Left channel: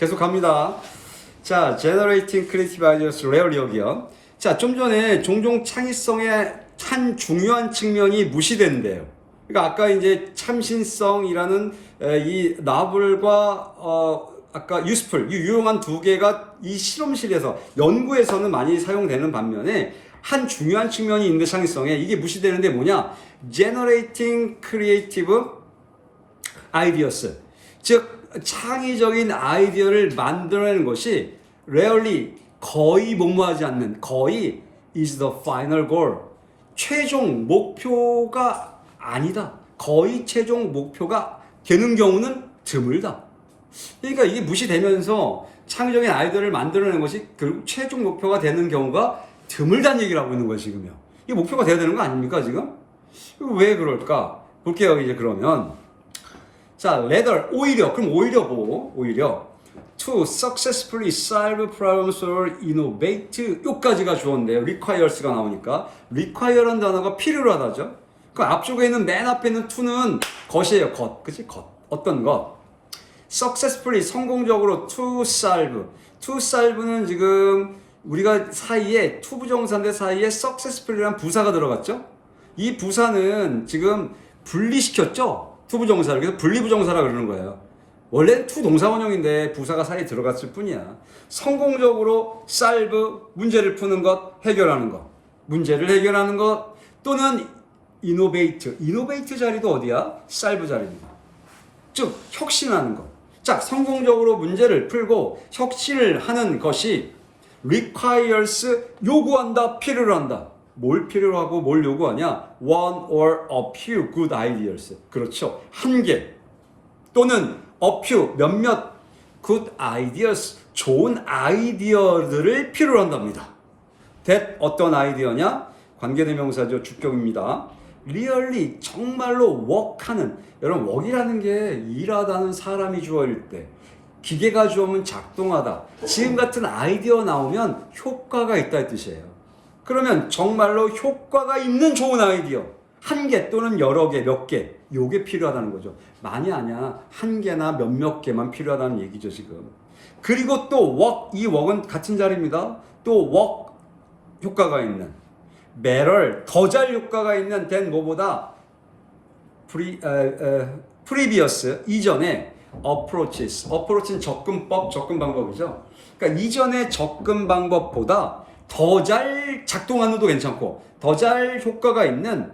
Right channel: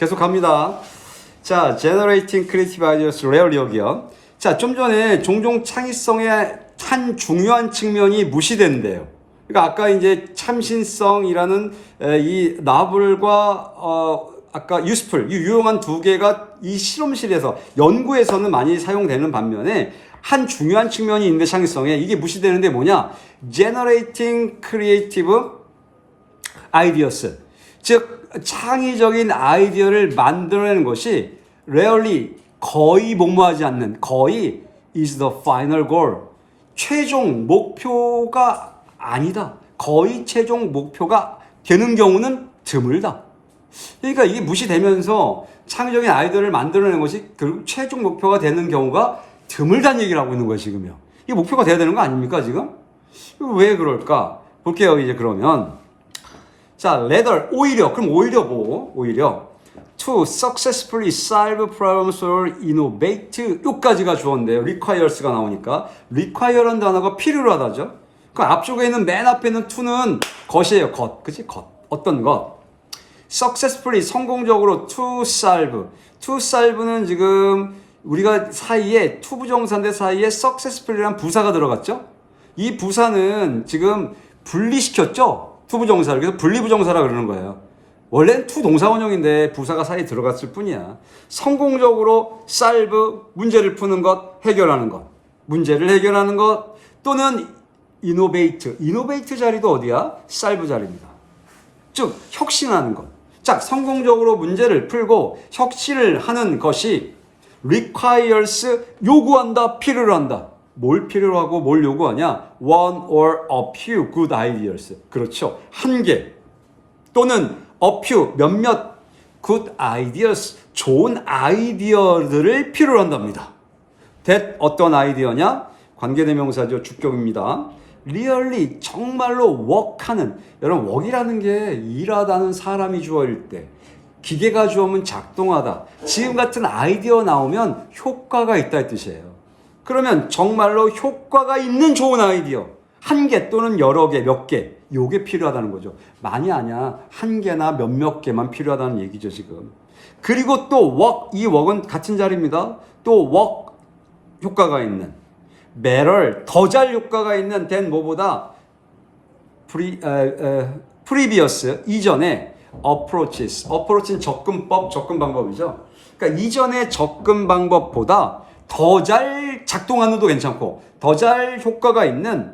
계속 갑니다. 자, generating creative ideas rarely 여기요. 자, 좀 전에 종종 창의성의 한 중요한 측면이 무시된대요. 그러니까 아까 이제 참신성이라는 이 나블과 아까 useful, 이 유용한 두 개가 이 실험실에서 연구에서는 많이 사용되는 반면에 한 중요한 측면이 있는데 창의성에 이게 무시되는데 뭐냐? generating creative ideas. 즉 창의적인 아이디어를 만들어내는 것이 rarely 거의 뭐뭐하지 않는 거의 is the final goal. 최종 목표가 아니다. 거의 최종 목표가 되는 경우는 드물다. 그러니까 이게 무시되면서 창의적인 아이디어를 만들어내는 것이 결국 최종 목표가 되는 경우가 드물다는 얘기를 하고 있는 거예요, 지금요. 이게 목표가 돼야 되는 거 아닙니까, 지금? 왜 그럴까? 볼게요, 이제 그러면. 자, rather, 오히려, 그럼 오히려 뭐? 오히려 to successfully solve problems or innovate 요까지가 주어인데요. requires가 나오니까 require라는 단어가 필요로 하다죠. 그 앞쪽에 있는 맨 앞에 있는 to는 것이에요. 것. 그치? 것. 어떤 것. successfully 성공적으로 to solve. to solve는 지금 우리가 사이에 to 부정사인데 사이에 successfully라는 부사가 들어갔죠. 이 부사는 지금 분리시켰죠. to 부정사를. 그래서 분리부정사라 그러는 거예요. 원래는 to 동사원형인데 부사가 사이에 들어갔을 뿐이야. 성공적으로 solve, 문제를 푸는 것, 해결하는 것. 문제를 해결하는 것 또는 innovate. innovate 자리도 어디야? solve 자리입니다. 즉 혁신하는 것. 자, 성공적으로 문제를 풀고 혁신을 하는 것이 requires 요구한다, 필요로 한다. 뭘 필요로 하고 뭘 요구하냐? one or a few good ideas. 그렇죠. 한 개 또는 a few 몇몇 good ideas 좋은 아이디어들을 필요로 한답니다. that 어떤 아이디어냐? 관계대명사죠. 주격입니다. really 정말로 work하는 여러분 work이라는 게 일하다는 사람이 주어일 때 기계가 주어면 작동하다. 지금 같은 아이디어 나오면 효과가 있다 이 뜻이에요. 그러면 정말로 효과가 있는 좋은 아이디어 한 개 또는 여러 개, 몇 개 요게 필요하다는 거죠. 많이 아니야. 한 개나 몇몇 개만 필요하다는 얘기죠 지금. 그리고 또 work, 이 work은 같은 자리입니다. 또 work 효과가 있는 better, 더 잘 효과가 있는 than 뭐보다 previous, 이전에 approaches, approach는 접근법, 접근 방법이죠. 그러니까 이전의 접근 방법보다 더 잘 작동하는 도 괜찮고 더 잘 효과가 있는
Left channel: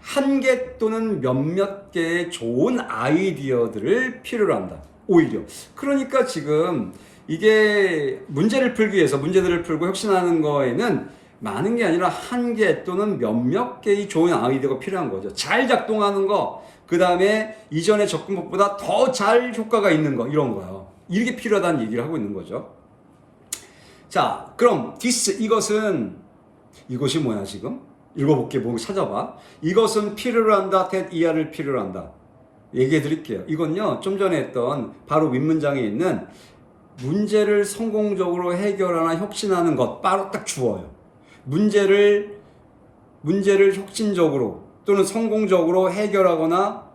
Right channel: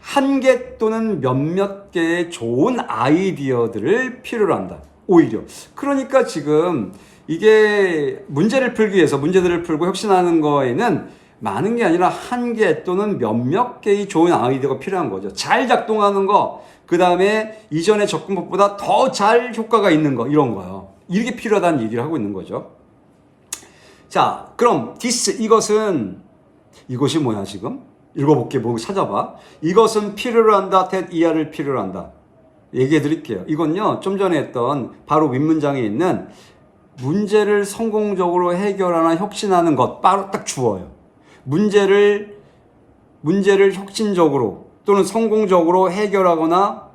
한 개 또는 몇몇 개의 좋은 아이디어들을 필요로 한다. 오히려. 그러니까 지금 이게 문제를 풀기 위해서 문제들을 풀고 혁신하는 거에는 많은 게 아니라 한 개 또는 몇몇 개의 좋은 아이디어가 필요한 거죠. 잘 작동하는 거, 그 다음에 이전의 접근법보다 더 잘 효과가 있는 거, 이런 거요. 이게 필요하다는 얘기를 하고 있는 거죠. 자, 그럼 this, 이것이 뭐야 지금? 읽어볼게, 뭐 찾아봐. 이것은 필요로 한다, that 이하를 필요로 한다. 얘기해 드릴게요. 이건요, 좀 전에 했던 바로 윗문장에 있는 문제를 성공적으로 해결하나 혁신하는 것, 바로 딱 주어요. 문제를 혁신적으로 또는 성공적으로 해결하거나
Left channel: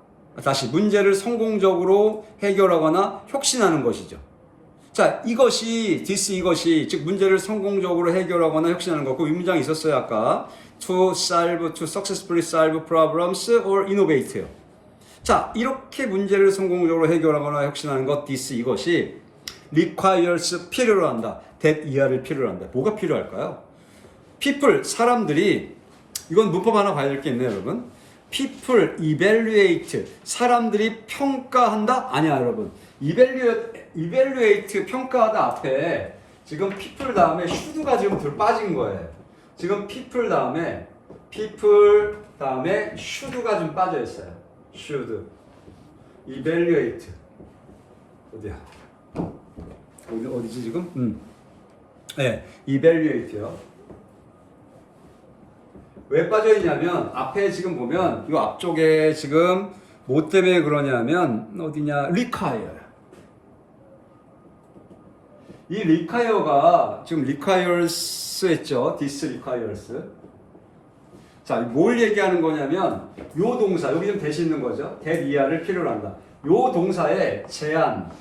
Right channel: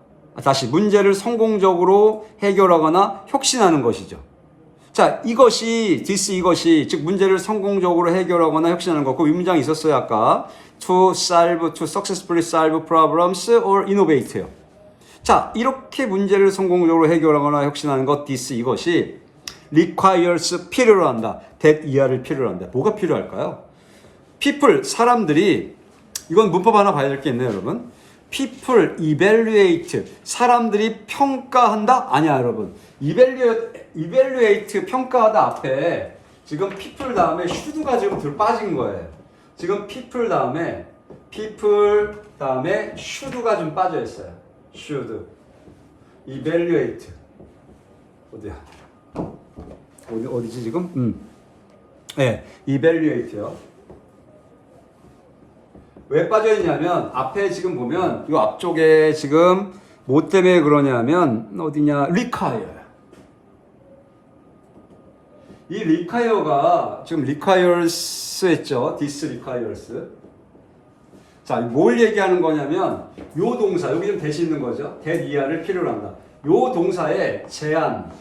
문제를 성공적으로 해결하거나 혁신하는 것이죠. 자, 이것이 즉 문제를 성공적으로 해결하거나 혁신하는 것. 그 윗문장이 있었어요 아까. to successfully solve problems or innovate요. 자, 이렇게 문제를 성공적으로 해결하거나 혁신하는 것 이것이 requires 필요로 한다. that 이하를 필요로 한다. 뭐가 필요할까요? people, 사람들이, 이건 문법 하나 봐야 될 게 있네요, 여러분. people evaluate, 사람들이 평가한다? 아니야, 여러분. evaluate, 평가하다 앞에 지금 people 다음에 should가 지금 빠진 거예요. 지금 people 다음에 should가 좀 빠져 있어요. should, evaluate. 어디야? 어디지 지금? 네, evaluate요. 왜 빠져있냐면 앞에 지금 보면 이 앞쪽에 지금 뭐 때문에 그러냐면 어디냐? require. 이 require가 지금 requires 했죠. this requires. 자, 뭘 얘기하는 거냐면 요 동사, 여기 좀 대시 있는 거죠. that 이하를 필요로 한다. 요 동사의 제한,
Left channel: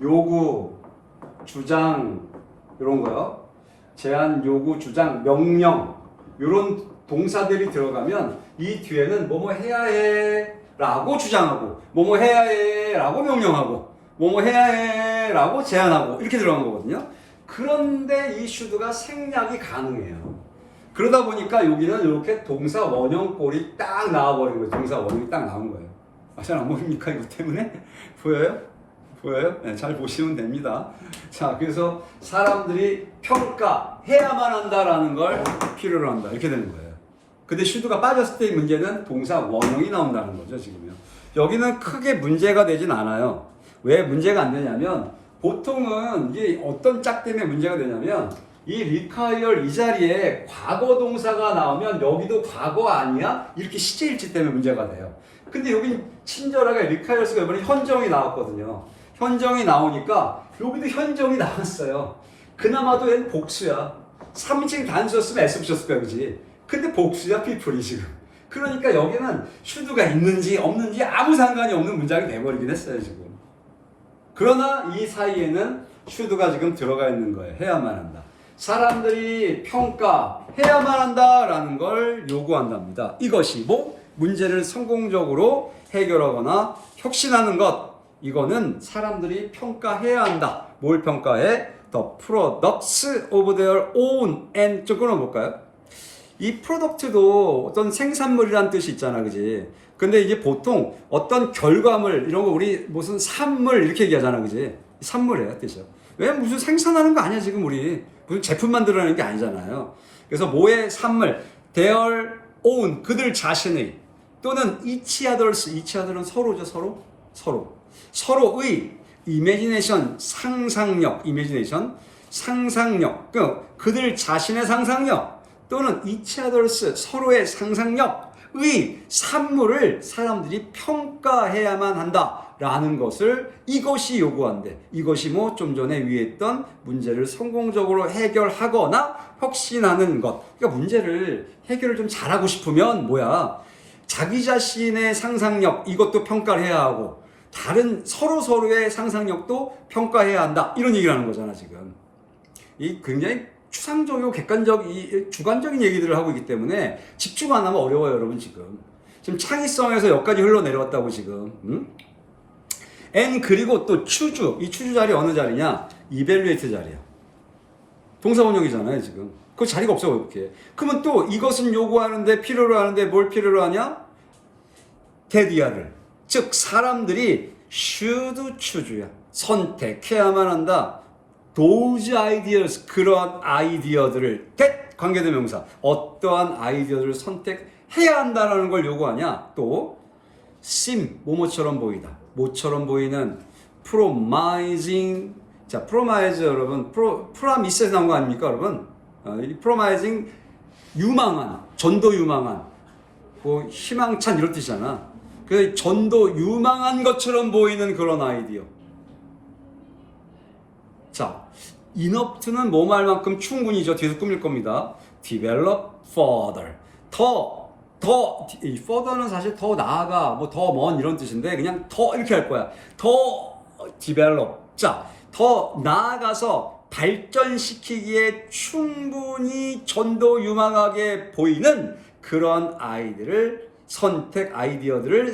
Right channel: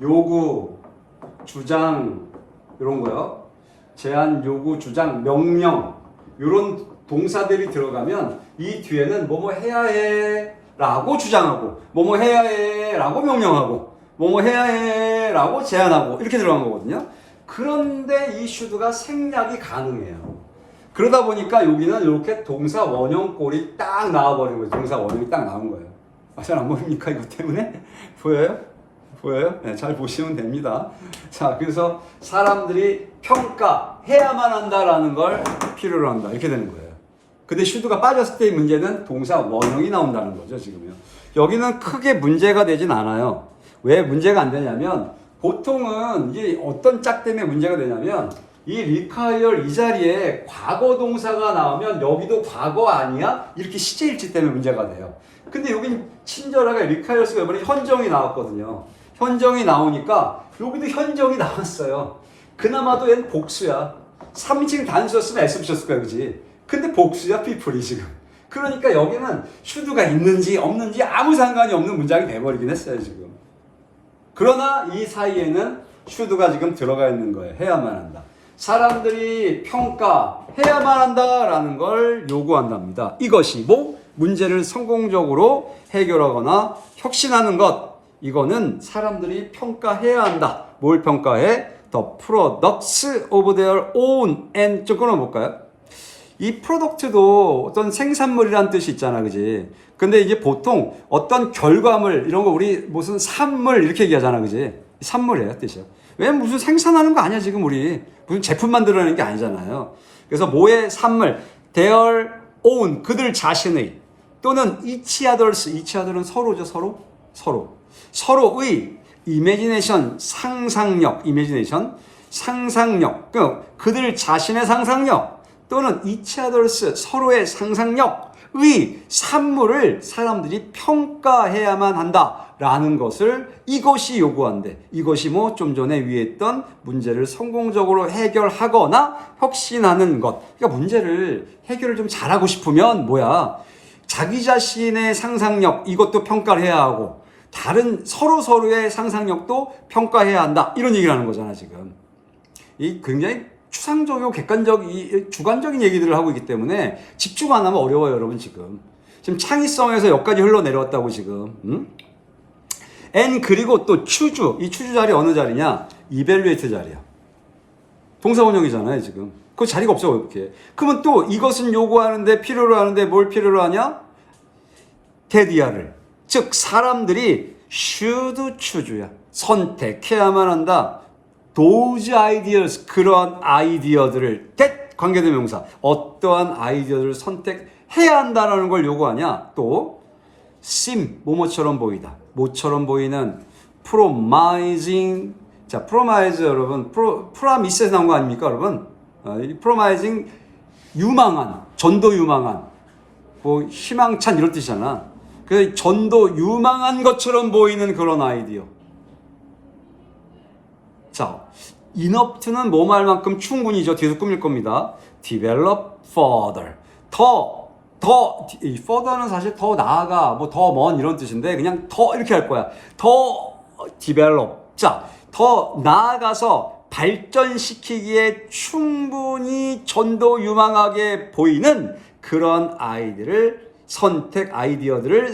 요구, 주장 이런 거요. 제안, 요구, 주장, 명령 이런 동사들이 들어가면 이 뒤에는 뭐뭐 해야 해 라고 주장하고 뭐뭐 해야 해 라고 명령하고 뭐뭐 해야 해 라고 제안하고 이렇게 들어간 거거든요. 그런데 이 should가 생략이 가능해요. 그러다 보니까 여기는 이렇게 동사 원형꼴이 딱 나와버린 거예요. 동사 원형이 딱 나온 거예요. 잘 안 보입니까? 이거 때문에? 보여요? 보여요? 네, 잘 보시면 됩니다. 자, 그래서 사람들이 평가해야만 한다라는 걸 필요로 한다. 이렇게 되는 거예요. 근데 should가 빠졌을 때의 문제는 동사 원형이 나온다는 거죠, 지금요. 여기는 크게 문제가 되진 않아요. 왜 문제가 안 되냐면, 보통은 이게 어떤 짝 때문에 문제가 되냐면, 이 require 이 자리에 과거 동사가 나오면 여기도 과거 아니야? 이렇게 시제일치 때문에 문제가 돼요. 근데 여기 친절하게 requires가 이번에 현정이 나왔거든요. 현정이 나오니까 여기도 현정이 나왔어요. 그나마도 얘는 복수야. 3인칭 단수였으면 S 붙였을 거야, 그지? 근데 복수야, people이 지금. 그러니까 여기는 should가 있는지 없는지 아무 상관이 없는 문장이 돼버리긴 했어요, 지금. 그러나 이 사이에는 should가 지금 들어가 있는 거예요. 해야만 한다. 사람들이 평가해야만 한다라는 걸 요구한답니다. 이것이 뭐? 문제를 성공적으로 해결하거나 혁신하는 것. 이거는 사람들이 평가해야 한다. 뭘 평가해? The products of their own and 좀 끊어볼까요? 이 프로덕트도 어떤 생산물이라는 뜻이 있잖아, 그지? 근데 이게 보통 어떤 결과물, 이런 거 우리 무슨 산물 이렇게 얘기하잖아, 그지? 산물이에요, 뜻이야. 왜 무슨 생산하는 거 아니야, 지금 우리. 무슨 제품 만들어내는 게 아니잖아요. 그래서 뭐의 산물, their own, 그들 자신의, 또는 each other은 서로죠, 서로. 서로의 imagination, 상상력, 그들 자신의 상상력, 또는 each others, 서로의 상상력의 산물을 사람들이 평가해야만 한다라는 것을 이것이 요구한대. 이것이 뭐 좀 전에 위에 있던 문제를 성공적으로 해결하거나 혁신하는 것. 그러니까 문제를 해결을 좀 잘하고 싶으면 뭐야? 자기 자신의 상상력 이것도 평가를 해야 하고 다른 서로의 상상력도 평가해야 한다. 이런 얘기를 하는 거잖아, 지금. 이 굉장히 추상적이고 주관적인 얘기들을 하고 있기 때문에 집중 안 하면 어려워요, 여러분, 지금. 지금 창의성에서 여기까지 흘러내려왔다고, 지금. 그리고 또 choose. 이 choose 자리 어느 자리냐? evaluate 자리야. 동사원형이잖아요, 지금. 그 자리가 없어, 이렇게. 그러면 또 이것은 요구하는데, 필요로 하는데 뭘 필요로 하냐? 테디아를. 즉, 사람들이 should choose야. 선택해야만 한다. those ideas, 그러한 아이디어들을, 관계대명사, 어떠한 아이디어들을 선택해야 한다는 걸 요구하냐? 또, seem, 뭐뭐처럼 보이다. 뭐처럼 보이는 promising, 자, promise 여러분, promise에서 나온 거 아닙니까, 여러분? 이 promising, 유망한, 전도 유망한, 뭐, 희망찬 이런 뜻이잖아. 그 전도 유망한 것처럼 보이는 그런 아이디어. 자, enough는 뭐 말만큼 충분히죠. 뒤에서 꾸밀 겁니다. develop further. 이 further는 사실 더 나아가, 뭐 더 먼 이런 뜻인데, 그냥 더 이렇게 할 거야. 더 develop. 자, 더 나아가서 발전시키기에 충분히 전도 유망하게 보이는 그런 아이디어들을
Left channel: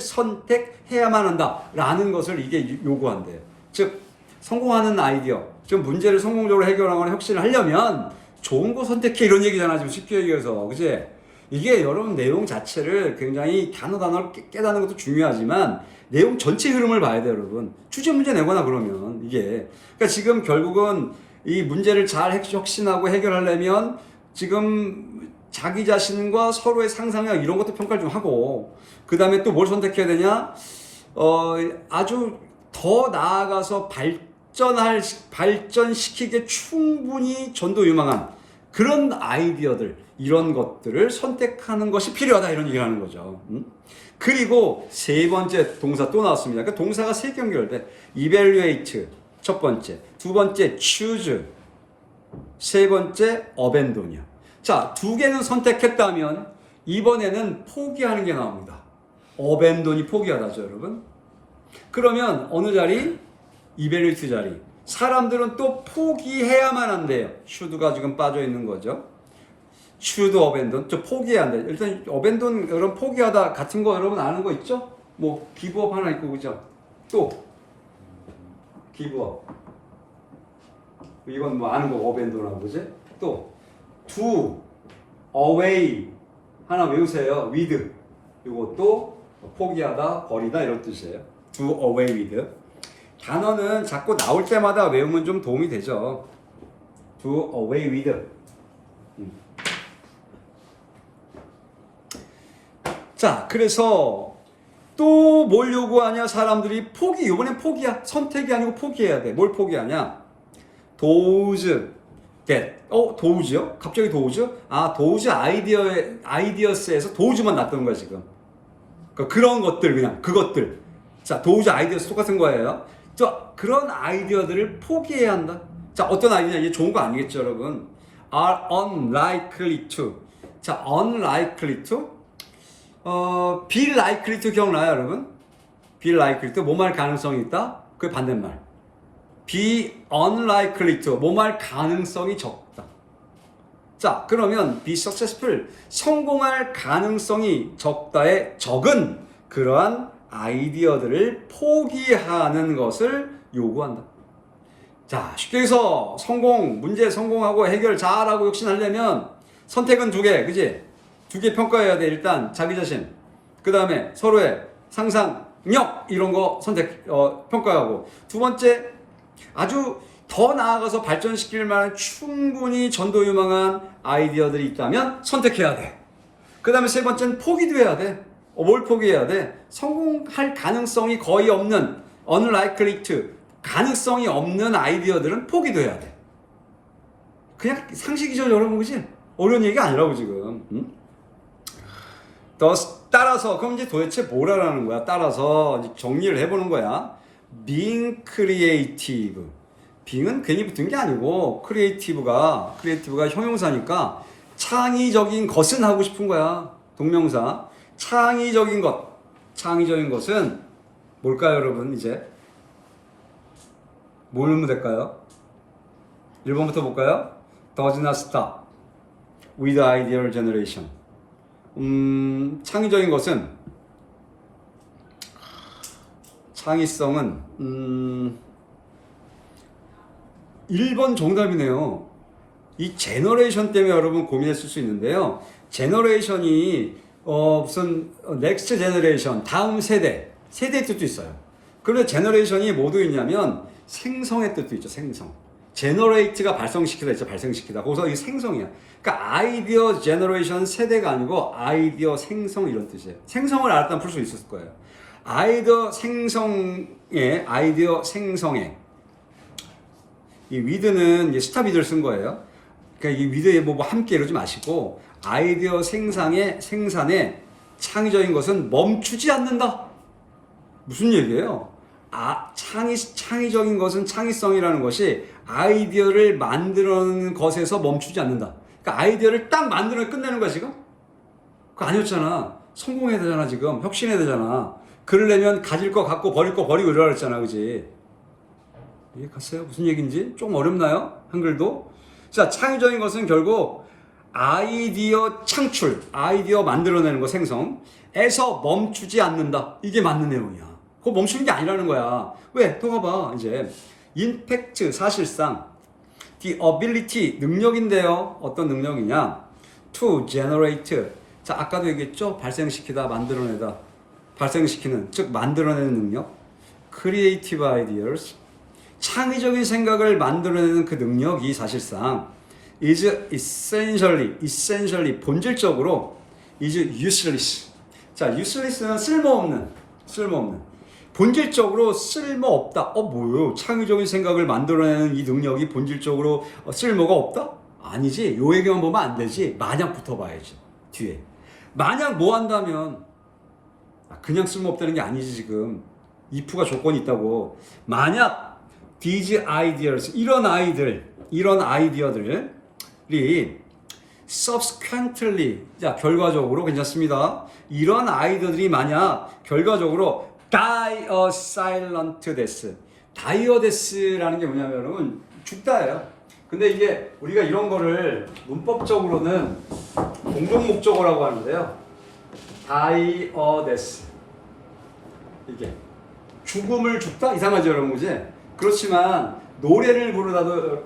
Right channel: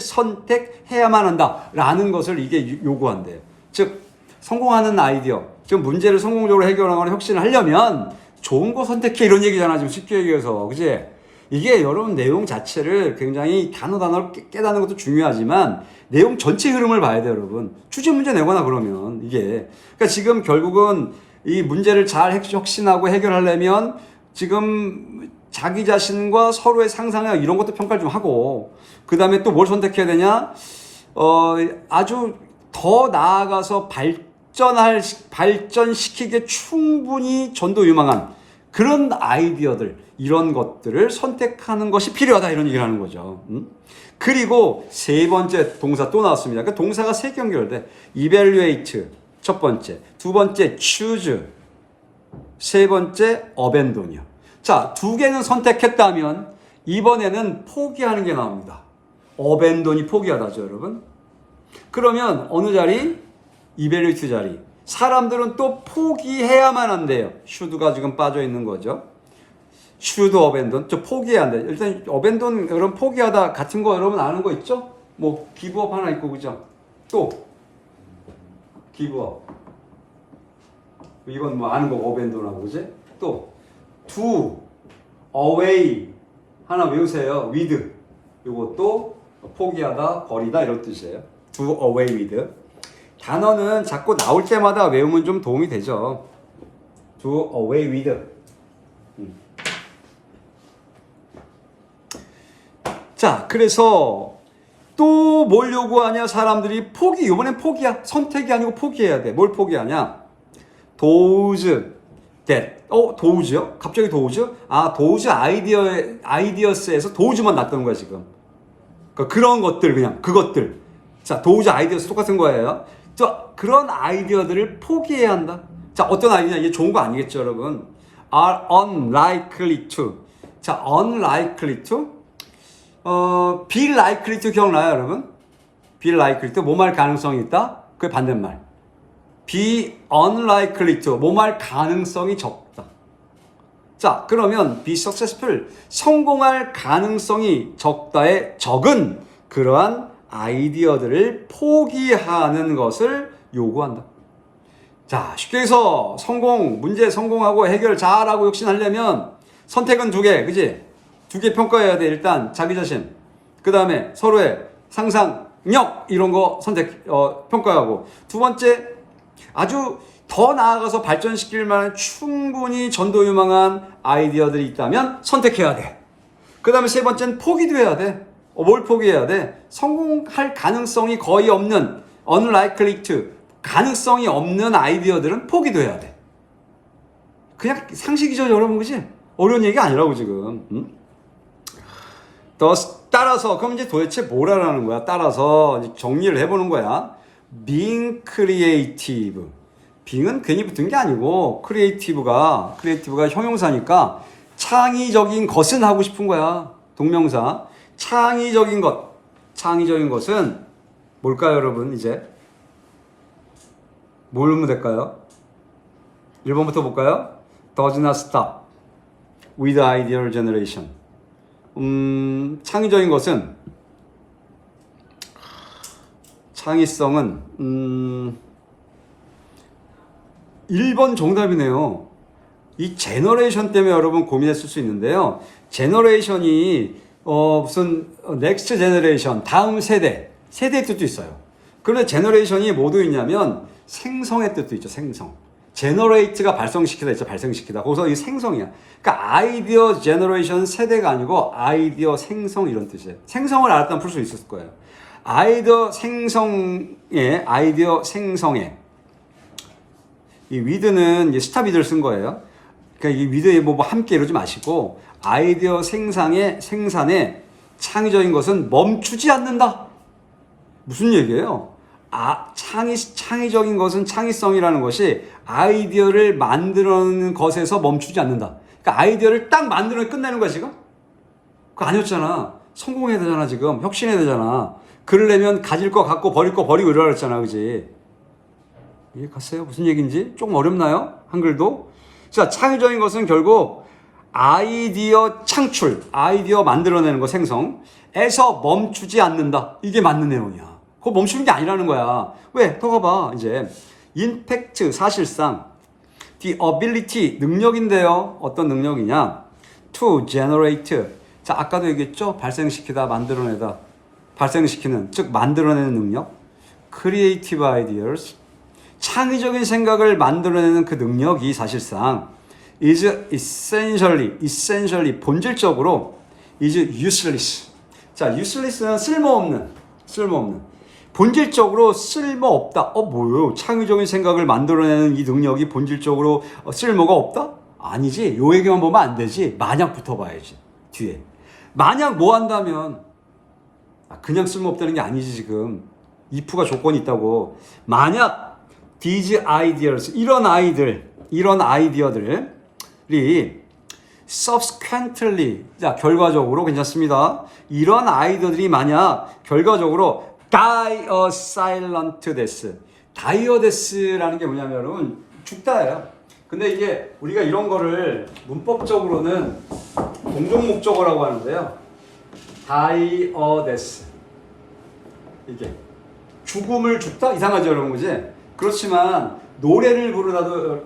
선택해야만 한다라는 것을 이게 요구한대요. 즉, 성공하는 아이디어, 지금 문제를 성공적으로 해결하거나 혁신을 하려면 좋은 거 선택해, 이런 얘기잖아, 지금 쉽게 얘기해서. 그치? 이게 여러분 내용 자체를 굉장히 단어를 깨닫는 것도 중요하지만 내용 전체 흐름을 봐야 돼요, 여러분. 주제 문제 내거나 그러면 이게. 그러니까 지금 결국은 이 문제를 잘 혁신하고 해결하려면 지금 자기 자신과 서로의 상상력 이런 것도 평가를 좀 하고, 그 다음에 또 뭘 선택해야 되냐? 아주 더 나아가서 발전시키기에 충분히 전도 유망한 그런 아이디어들, 이런 것들을 선택하는 것이 필요하다, 이런 얘기를 하는 거죠. 그리고 세 번째 동사 또 나왔습니다. 그러니까 동사가 세 개 연결돼. evaluate 첫 번째, 두 번째 choose, 세 번째 abandon이요. 자, 두 개는 선택했다면 이번에는 포기하는 게 나옵니다. abandon이 포기하다죠, 여러분. 그러면 어느 자리? evaluate 자리. 사람들은 또 포기해야만 한대요. should가 지금 빠져 있는 거죠. should abandon. 저 포기해야 한다. 일단 abandon 그런 포기하다 같은 거 여러분 아는 거 있죠? 뭐 give up 하나 있고 그죠? 또 give up. 이건 뭐 아는 거 abandon하고 그지? 또 do away 하나 외우세요. with. 이것도 포기하다, 버리다 이런 뜻이에요. do away with. 단어는 자꾸 나올 때마다 외우면 좀 도움이 되죠. do away with. 자, 그래서 또 뭘 요구하냐? 사람들이 포기. 이번엔 포기야. 선택이 아니고 포기해야 돼. 뭘 포기하냐? those that. thouse요? 갑자기 those? those ideas에서 those만 놨던 거야, 지금. 그런 것들, 그냥, 그것들. 자, those ideas 똑같은 거예요. 그런 아이디어들을 포기해야 한다. 자, 어떤 아이디어? 이게 좋은 거 아니겠죠, 여러분? are unlikely to. 자, unlikely to. be likely to 기억나요, 여러분? be likely to. 뭐뭐 할 가능성이 있다? 그 반대말. be unlikely to. 뭐뭐 할 가능성이 적다. 자, 그러면 be successful. 성공할 가능성이 적다의 적은 그러한 아이디어들을 포기하는 것을 요구한다. 자, 쉽게 해서 문제 성공하고 해결 잘하고 혁신하려면 선택은 두 개, 그지? 두 개 평가해야 돼. 일단 자기 자신, 그 다음에 서로의 상상력 이런 거 평가하고, 두 번째 아주 더 나아가서 발전시킬 만한 충분히 전도유망한 아이디어들이 있다면 선택해야 돼. 그 다음에 세 번째는 포기도 해야 돼. 뭘 포기해야 돼? 성공할 가능성이 거의 없는 unlikely to, 가능성이 없는 아이디어들은 포기도 해야 돼. 그냥 상식이죠, 여러분, 그지? 어려운 얘기가 아니라고 지금. 따라서 그럼 이제 도대체 뭘 하라는 거야? 따라서 정리를 해보는 거야. being creative. being은 괜히 붙은 게 아니고 creative가 형용사니까 창의적인 것은 하고 싶은 거야. 동명사. 창의적인 것은 뭘까요, 여러분? 이제 뭘 넣으면 될까요? 1번부터 볼까요? does not stop with ideal generation. 창의적인 것은, 창의성은 1번 정답이네요. 이 제너레이션 때문에 여러분 고민했을 수 있는데요. 제너레이션이 무슨 넥스트 제너레이션, 다음 세대의 뜻도 있어요. 그런데 제너레이션이 뭐 도 있냐면 생성의 뜻도 있죠. 생성. 제너레이트가 발생시키다 있죠. 발생시키다. 거기서 이 생성이야. 그러니까 아이디어 제너레이션 세대가 아니고 아이디어 생성 이런 뜻이에요. 생성을 알았다면 풀 수 있을 거예요. 아이디어 생성에 이 with는 스탑이들 쓴 거예요. 그러니까 이 with에 뭐 함께 이러지 마시고 아이디어 생산에 창의적인 것은 멈추지 않는다. 무슨 얘기예요? 창의적인 것은, 창의성이라는 것이 아이디어를 만들어내는 것에서 멈추지 않는다. 그러니까 아이디어를 딱 만들어 끝내는 거야, 지금? 그거 아니었잖아. 성공해야 되잖아, 지금. 혁신해야 되잖아. 그러려면 가질 거 갖고 버릴 거 버리고 이러라 그랬잖아, 그지? 이해 갔어요? 무슨 얘기인지? 조금 어렵나요? 한글도? 자, 창의적인 것은 결국 아이디어 창출, 아이디어 만들어내는 거, 생성에서 멈추지 않는다. 이게 맞는 내용이야. 그거 멈추는 게 아니라는 거야. 왜? 더 가봐. 이제 in fact, 사실상 the ability, 능력인데요. 어떤 능력이냐? to generate. 자, 아까도 얘기했죠? 발생시키다, 만들어내다. 발생시키는, 즉 만들어내는 능력. creative ideas. 창의적인 생각을 만들어내는 그 능력이 사실상 is essentially, 본질적으로 is useless. 자, useless는 쓸모없는. 본질적으로 쓸모없다. 뭐요? 창의적인 생각을 만들어내는 이 능력이 본질적으로 쓸모가 없다? 아니지. 요 얘기만 보면 안 되지. 만약 붙어봐야지. 뒤에. 만약 뭐 한다면, 그냥 쓸모없다는 게 아니지, 지금. if가 조건이 있다고. 만약 these ideas, 이런 아이디어들이 subsequently, 자, 결과적으로 괜찮습니다. 이런 아이디어들이 만약 결과적으로 die a silent death, 다이어데스라는 게 뭐냐면 여러분 죽다예요. 근데 이게 우리가 이런 거를 문법적으로는 동종 목적어라고 하는데요. 다이어데스 이게 죽음을 죽다 이상하죠 여러분 그지? 그렇지만 노래를 부르다도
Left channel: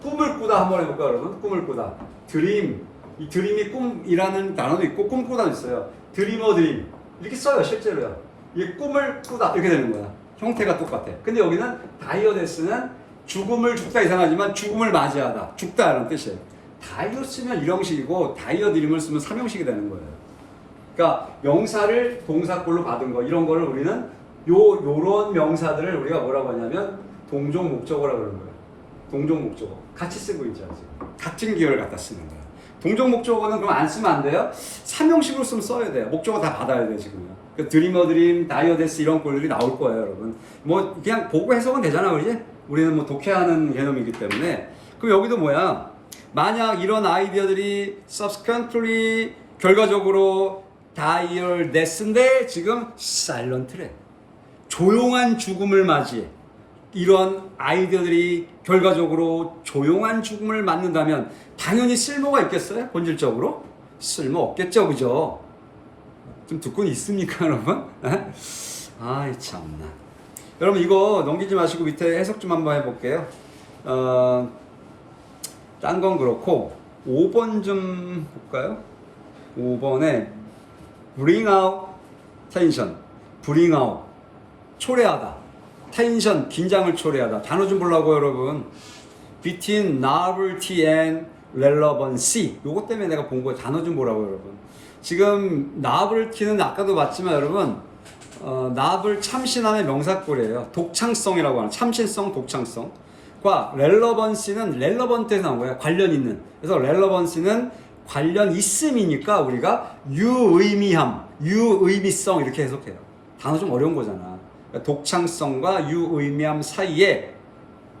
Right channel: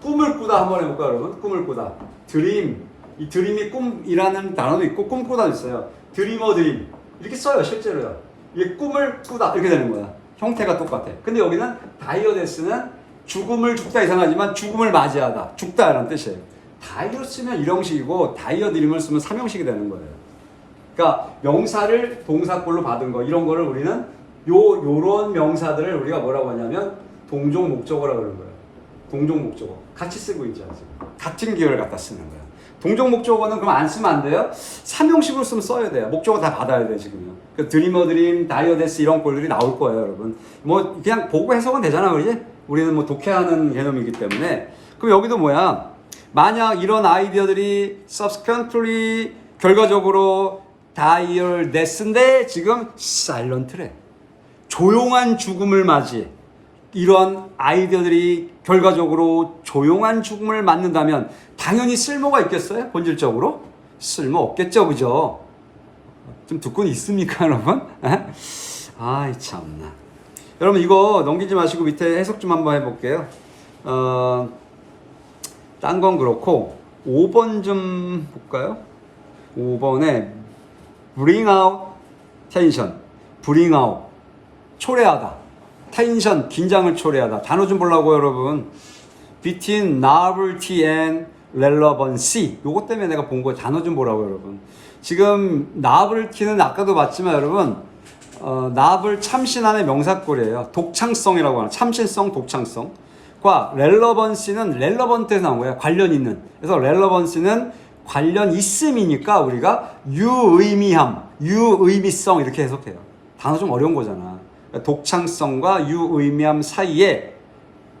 꿈을 꾸다 한번 해볼까요 여러분? 꿈을 꾸다 드림 이 드림이 꿈이라는 단어도 있고 꿈꾸다도 있어요. 드리머 드림 이렇게 써요 실제로요. 이게 꿈을 꾸다 이렇게 되는 거야. 형태가 똑같아. 근데 여기는 다이어데스는 죽음을 죽다 이상하지만 죽음을 맞이하다 죽다라는 뜻이에요. 다이어 쓰면 일형식이고 다이어 드림을 쓰면 삼형식이 되는 거예요. 그러니까 명사를 동사꼴로 받은 거 이런 거를 우리는 요런 명사들을 우리가 뭐라고 하냐면 동종 목적어라고 그러는 거예요. 동종 목적어 같이 쓰고 있죠 지금. 같은 기호를 갖다 쓰는 거예요. 동종 목적어는 그럼 안 쓰면 안 돼요? 삼형식으로 쓰면 써야 돼요. 목적어 다 받아야 돼요 지금. 그 드리머 드림, 다이어데스 이런 꼴들이 나올 거예요 여러분. 뭐 그냥 보고 해석은 되잖아 그지? 우리는 뭐 독해하는 개념이기 때문에. 그럼 여기도 뭐야? 만약 이런 아이디어들이 subsequently 결과적으로 다이어데스인데 지금 silent래. 조용한 죽음을 맞이해. 이런 아이디어들이 결과적으로 조용한 죽음을 맞는다면 당연히 쓸모가 있겠어요? 본질적으로? 쓸모 없겠죠, 그죠? 좀 듣고는 있습니까, 여러분? 아이, 참나. 여러분, 이거 넘기지 마시고 밑에 해석 좀 한번 해볼게요. 딴 건 그렇고, 5번 좀 볼까요? 5번에 bring out tension, bring out, 초래하다. 텐션, 긴장을 초래하다. 단어 좀 보려고 여러분. Between novelty and relevancy. 요거 때문에 내가 본 거예요. 단어 좀 보라고 여러분. 지금 novelty는 아까도 봤지만 여러분 novel 참신함의 명사꼴이에요. 독창성이라고 하는 참신성, 독창성과 relevancy는 relevant에서 나온 거예요. 관련 있는. 그래서 relevancy는 관련 있음이니까 우리가 유의미함, 유의미성 이렇게 해석해요. 단어 좀 어려운 거잖아. 독창성과 유의미함 사이에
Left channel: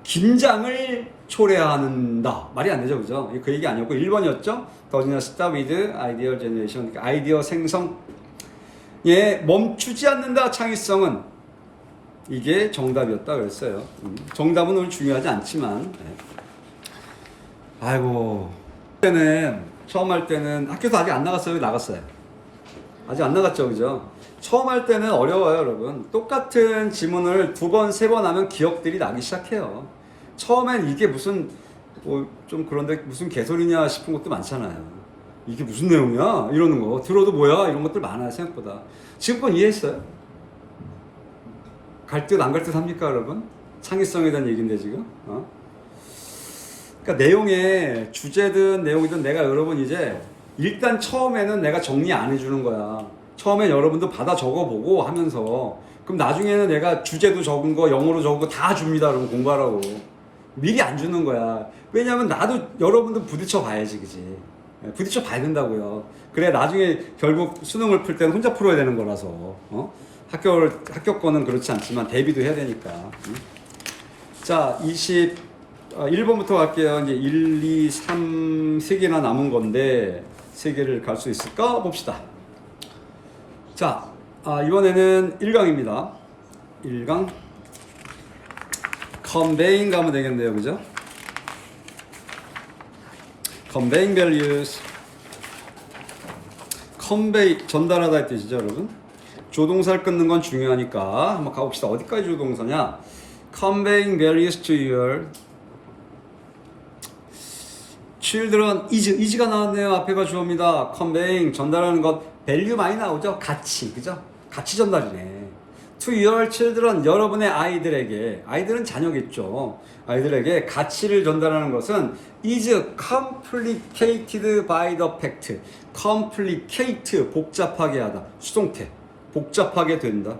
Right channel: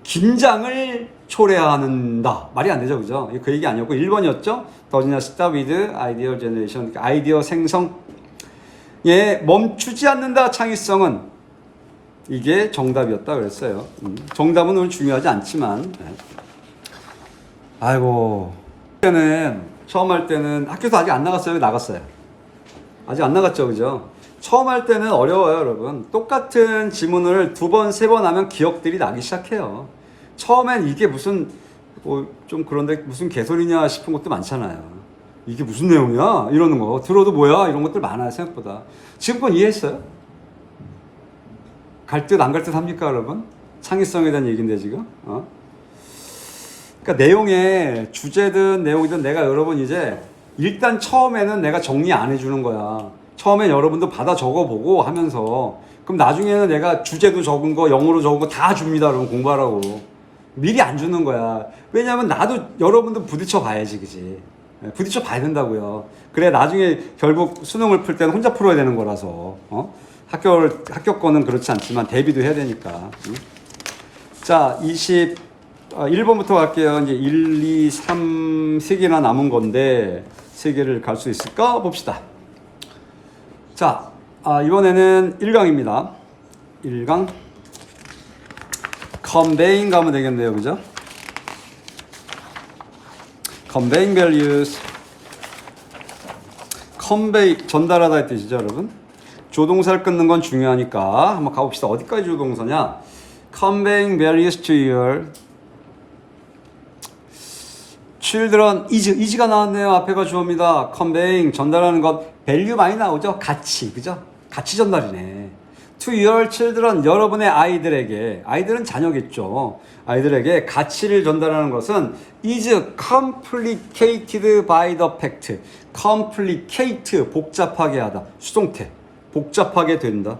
긴장을 초래한다. 말이 안 되죠, 그죠? 그 얘기 아니었고 1번이었죠. 더디나 start with idea generation, 아이디어 생성에 멈추지 않는다. 창의성은 이게 정답이었다 그랬어요. 정답은 오늘 중요하지 않지만, 아이고, 처음 할 때는 학교도 아직 안 나갔어요. 나갔어요. 아직 안 나갔죠, 그죠? 처음 할 때는 어려워요, 여러분. 똑같은 지문을 2번, 3번 하면 기억들이 나기 시작해요. 처음엔 이게 무슨, 좀 그런데 무슨 개소리냐 싶은 것도 많잖아요. 이게 무슨 내용이야? 이러는 거. 들어도 뭐야? 이런 것들 많아요, 생각보다. 지금 건 이해했어요? 갈 듯, 안 갈 듯 합니까, 여러분? 창의성에 대한 얘기인데, 지금. 그러니까 내용에, 주제든 내용이든 내가 여러분 이제, 일단 처음에는 내가 정리 안 해주는 거야. 처음에 여러분도 받아 적어보고 하면서 그럼 나중에는 내가 주제도 적은 거 영어로 적은 거 다 줍니다. 그러면 공부하라고 미리 안 주는 거야. 왜냐하면 나도 여러분도 부딪혀 봐야지 그지. 부딪혀 봐야 된다고요. 그래 나중에 결국 수능을 풀 때는 혼자 풀어야 되는 거라서 학교 거는 그렇지 않지만 대비도 해야 되니까. 자 21번부터 갈게요. 이제 1, 2, 3 3개나 남은 건데 3개를 갈 수 있을까 봅시다. 자, 이번에는 1강입니다. 1강. conveying 가면 되겠네요. 그죠? conveying values. convey, 전달하다 의 뜻이죠, 여러분. 조동사를 끊는 건 중요하니까 한번 가봅시다. 어디까지 조동사냐? conveying values to your children. is가 나왔네요. 앞에가 주어입니다. conveying, 전달하는 것. value 많이 나오죠? 가치, 그죠? 가치 전달이네. to your children, 여러분의 아이들에게, 아이들은 자녀겠죠. 아이들에게 가치를 전달하는 것은 is complicated by the fact. complicate, 복잡하게 하다. 수동태, 복잡하게 된다.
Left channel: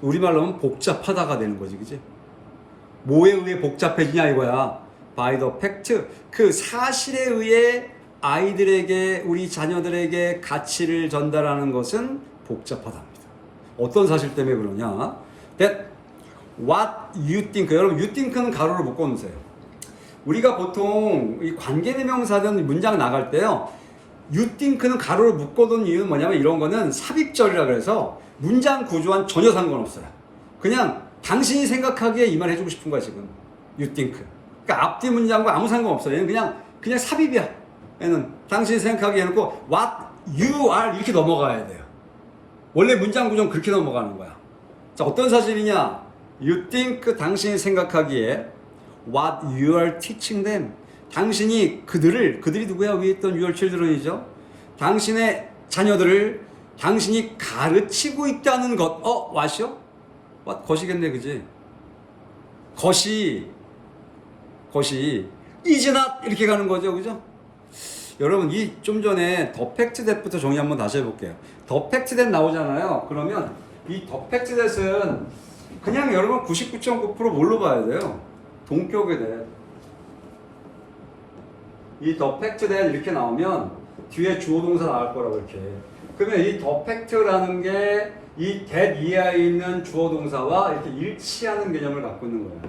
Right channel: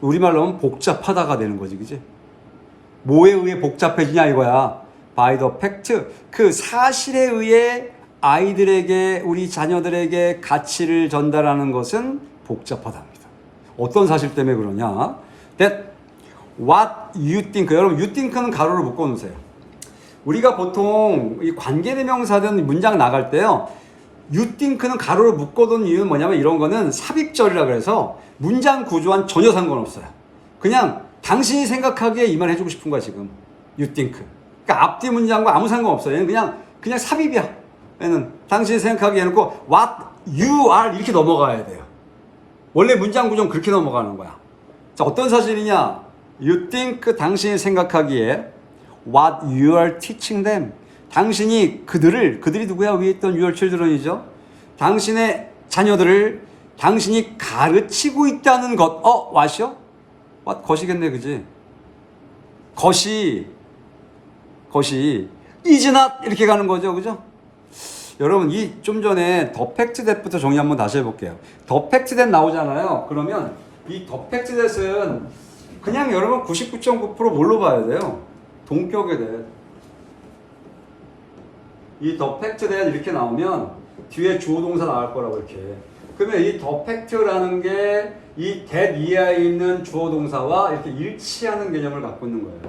우리말로 하면 복잡하다가 되는 거지, 그지? 뭐에 의해 복잡해지냐 이거야. by the fact, 그 사실에 의해 아이들에게, 우리 자녀들에게 가치를 전달하는 것은 복잡하답니다. 어떤 사실 때문에 그러냐? That what you think. 여러분, you think는 가로를 묶어 놓으세요. 우리가 보통 이 관계대명사든 문장 나갈 때요, you think는 가로를 묶어둔 이유는 뭐냐면 이런 거는 삽입절이라 그래서 문장 구조와는 전혀 상관없어요. 그냥 당신이 생각하기에 이 말 해주고 싶은 거야 지금. You think. 그러니까 앞뒤 문장과 아무 상관없어. 얘는 그냥 삽입이야. 얘는 당신이 생각하기에 해놓고 what you are 이렇게 넘어가야 돼요. 원래 문장 구조는 그렇게 넘어가는 거야. 자, 어떤 사실이냐? You think 당신이 생각하기에 what you are teaching them. 당신이 그들이 누구야? 위에 있던 your children이죠. 당신의 자녀들을 당신이 가르치고 있다는 것. what이요? what 것이겠네, 그지? 것이 is not 이렇게 가는 거죠, 그죠? 여러분, 이 좀 전에 더 팩트 that부터 정리 한번 다시 해볼게요. 더 팩트 that 나오잖아요. 그러면 이 더 팩트 that은 그냥 여러분 99.9% 뭘로 봐야 돼요? 동격에 대해. 이 더 팩트 that 이렇게 나오면 뒤에 주어 동사 나올 거라고 이렇게. 그러면 이 더 팩트라는 게 이 that 이하에 있는 주어 동사와 이렇게 일치하는 개념을 갖고 있는 거예요.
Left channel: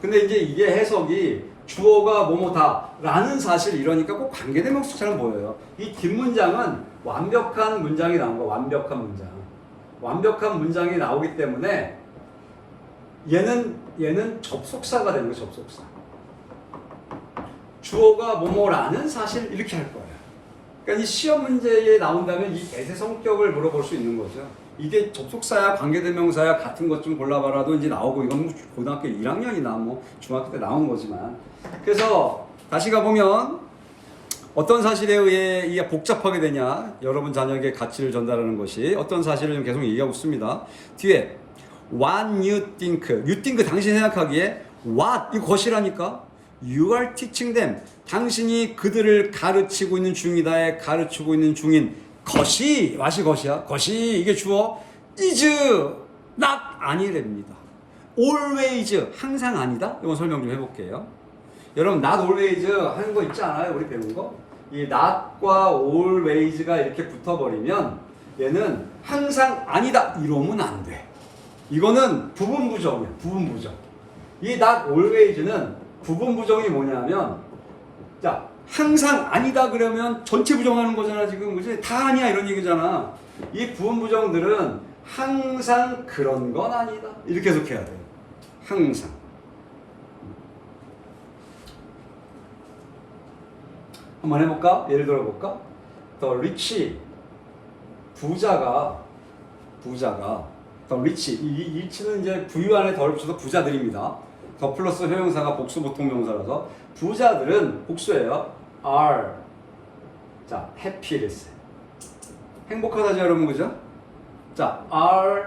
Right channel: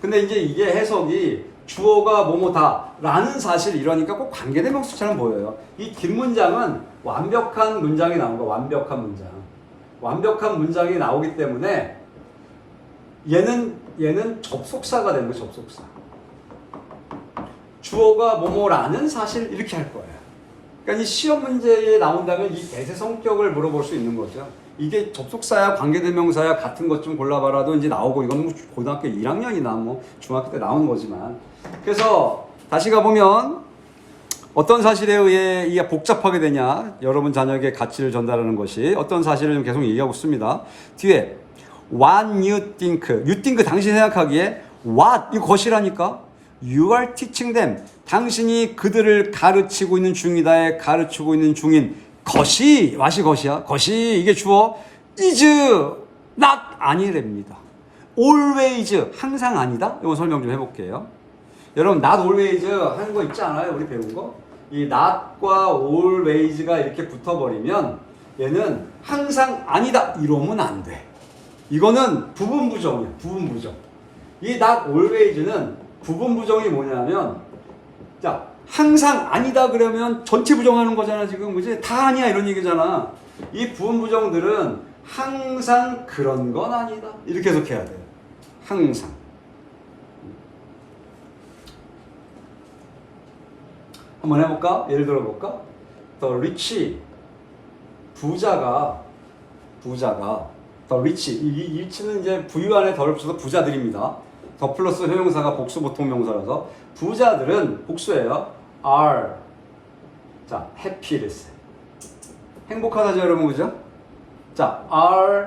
근데 이제 이게 해석이 주어가 뭐뭐다 라는 사실 이러니까 꼭 관계대명사처럼 보여요. 이 뒷문장은 완벽한 문장이 나온 거야. 완벽한 문장이 나오기 때문에 얘는 접속사가 되는 거야. 접속사. 주어가 뭐뭐라는 사실 이렇게 할 거예요. 그러니까 이 시험 문제에 나온다면 이 대세 성격을 물어볼 수 있는 거죠. 이게 접속사야 관계대명사야 같은 것 좀 골라봐라도 이제 나오고 이건 뭐 고등학교 1학년이나 뭐 중학교 때 나오는 거지만 그래서 다시 가보면 어떤 사실에 의해 이게 복잡하게 되냐 여러분 자녀에게 가치를 전달하는 것이 어떤 사실을 좀 계속 얘기하고 있습니다. 뒤에 what you think 당신이 생각하기에 what 이 것이라니까 you are teaching them 당신이 그들을 가르치고 있는 중이다에 가르치고 있는 중인 것이 맛이 것이야. 것이 이게 주어 is not 아니랍니다. always 항상 아니다. 이거 설명 좀 해볼게요. 여러분 not always 하는 거 있지 않아요? 우리 배운 거? 이 not과 always가 이렇게 붙어버리면 얘는 항상 아니다 이러면 안 돼. 이거는 부분부정이야. 부분부정. 이 not always는 부분부정이 뭐냐면 자 항상 아니다 그러면 전체 부정하는 거잖아 지금 그지? 다 아니야 이런 얘기잖아. 이 부분부정들은 항상 그런 건 아니다 이렇게 해석해야 돼요. 항상. 한번 해볼까? 예를 들어볼까? The rich 부자가 The rich 이 rich는 이제 부유 안에 덜 붙여서 부자들입니다. 더 플러스 형용사가 복수 보통 명사라서 부자들은 복수예요. are 자 happy를 행복하다죠 여러분 그죠? 자 are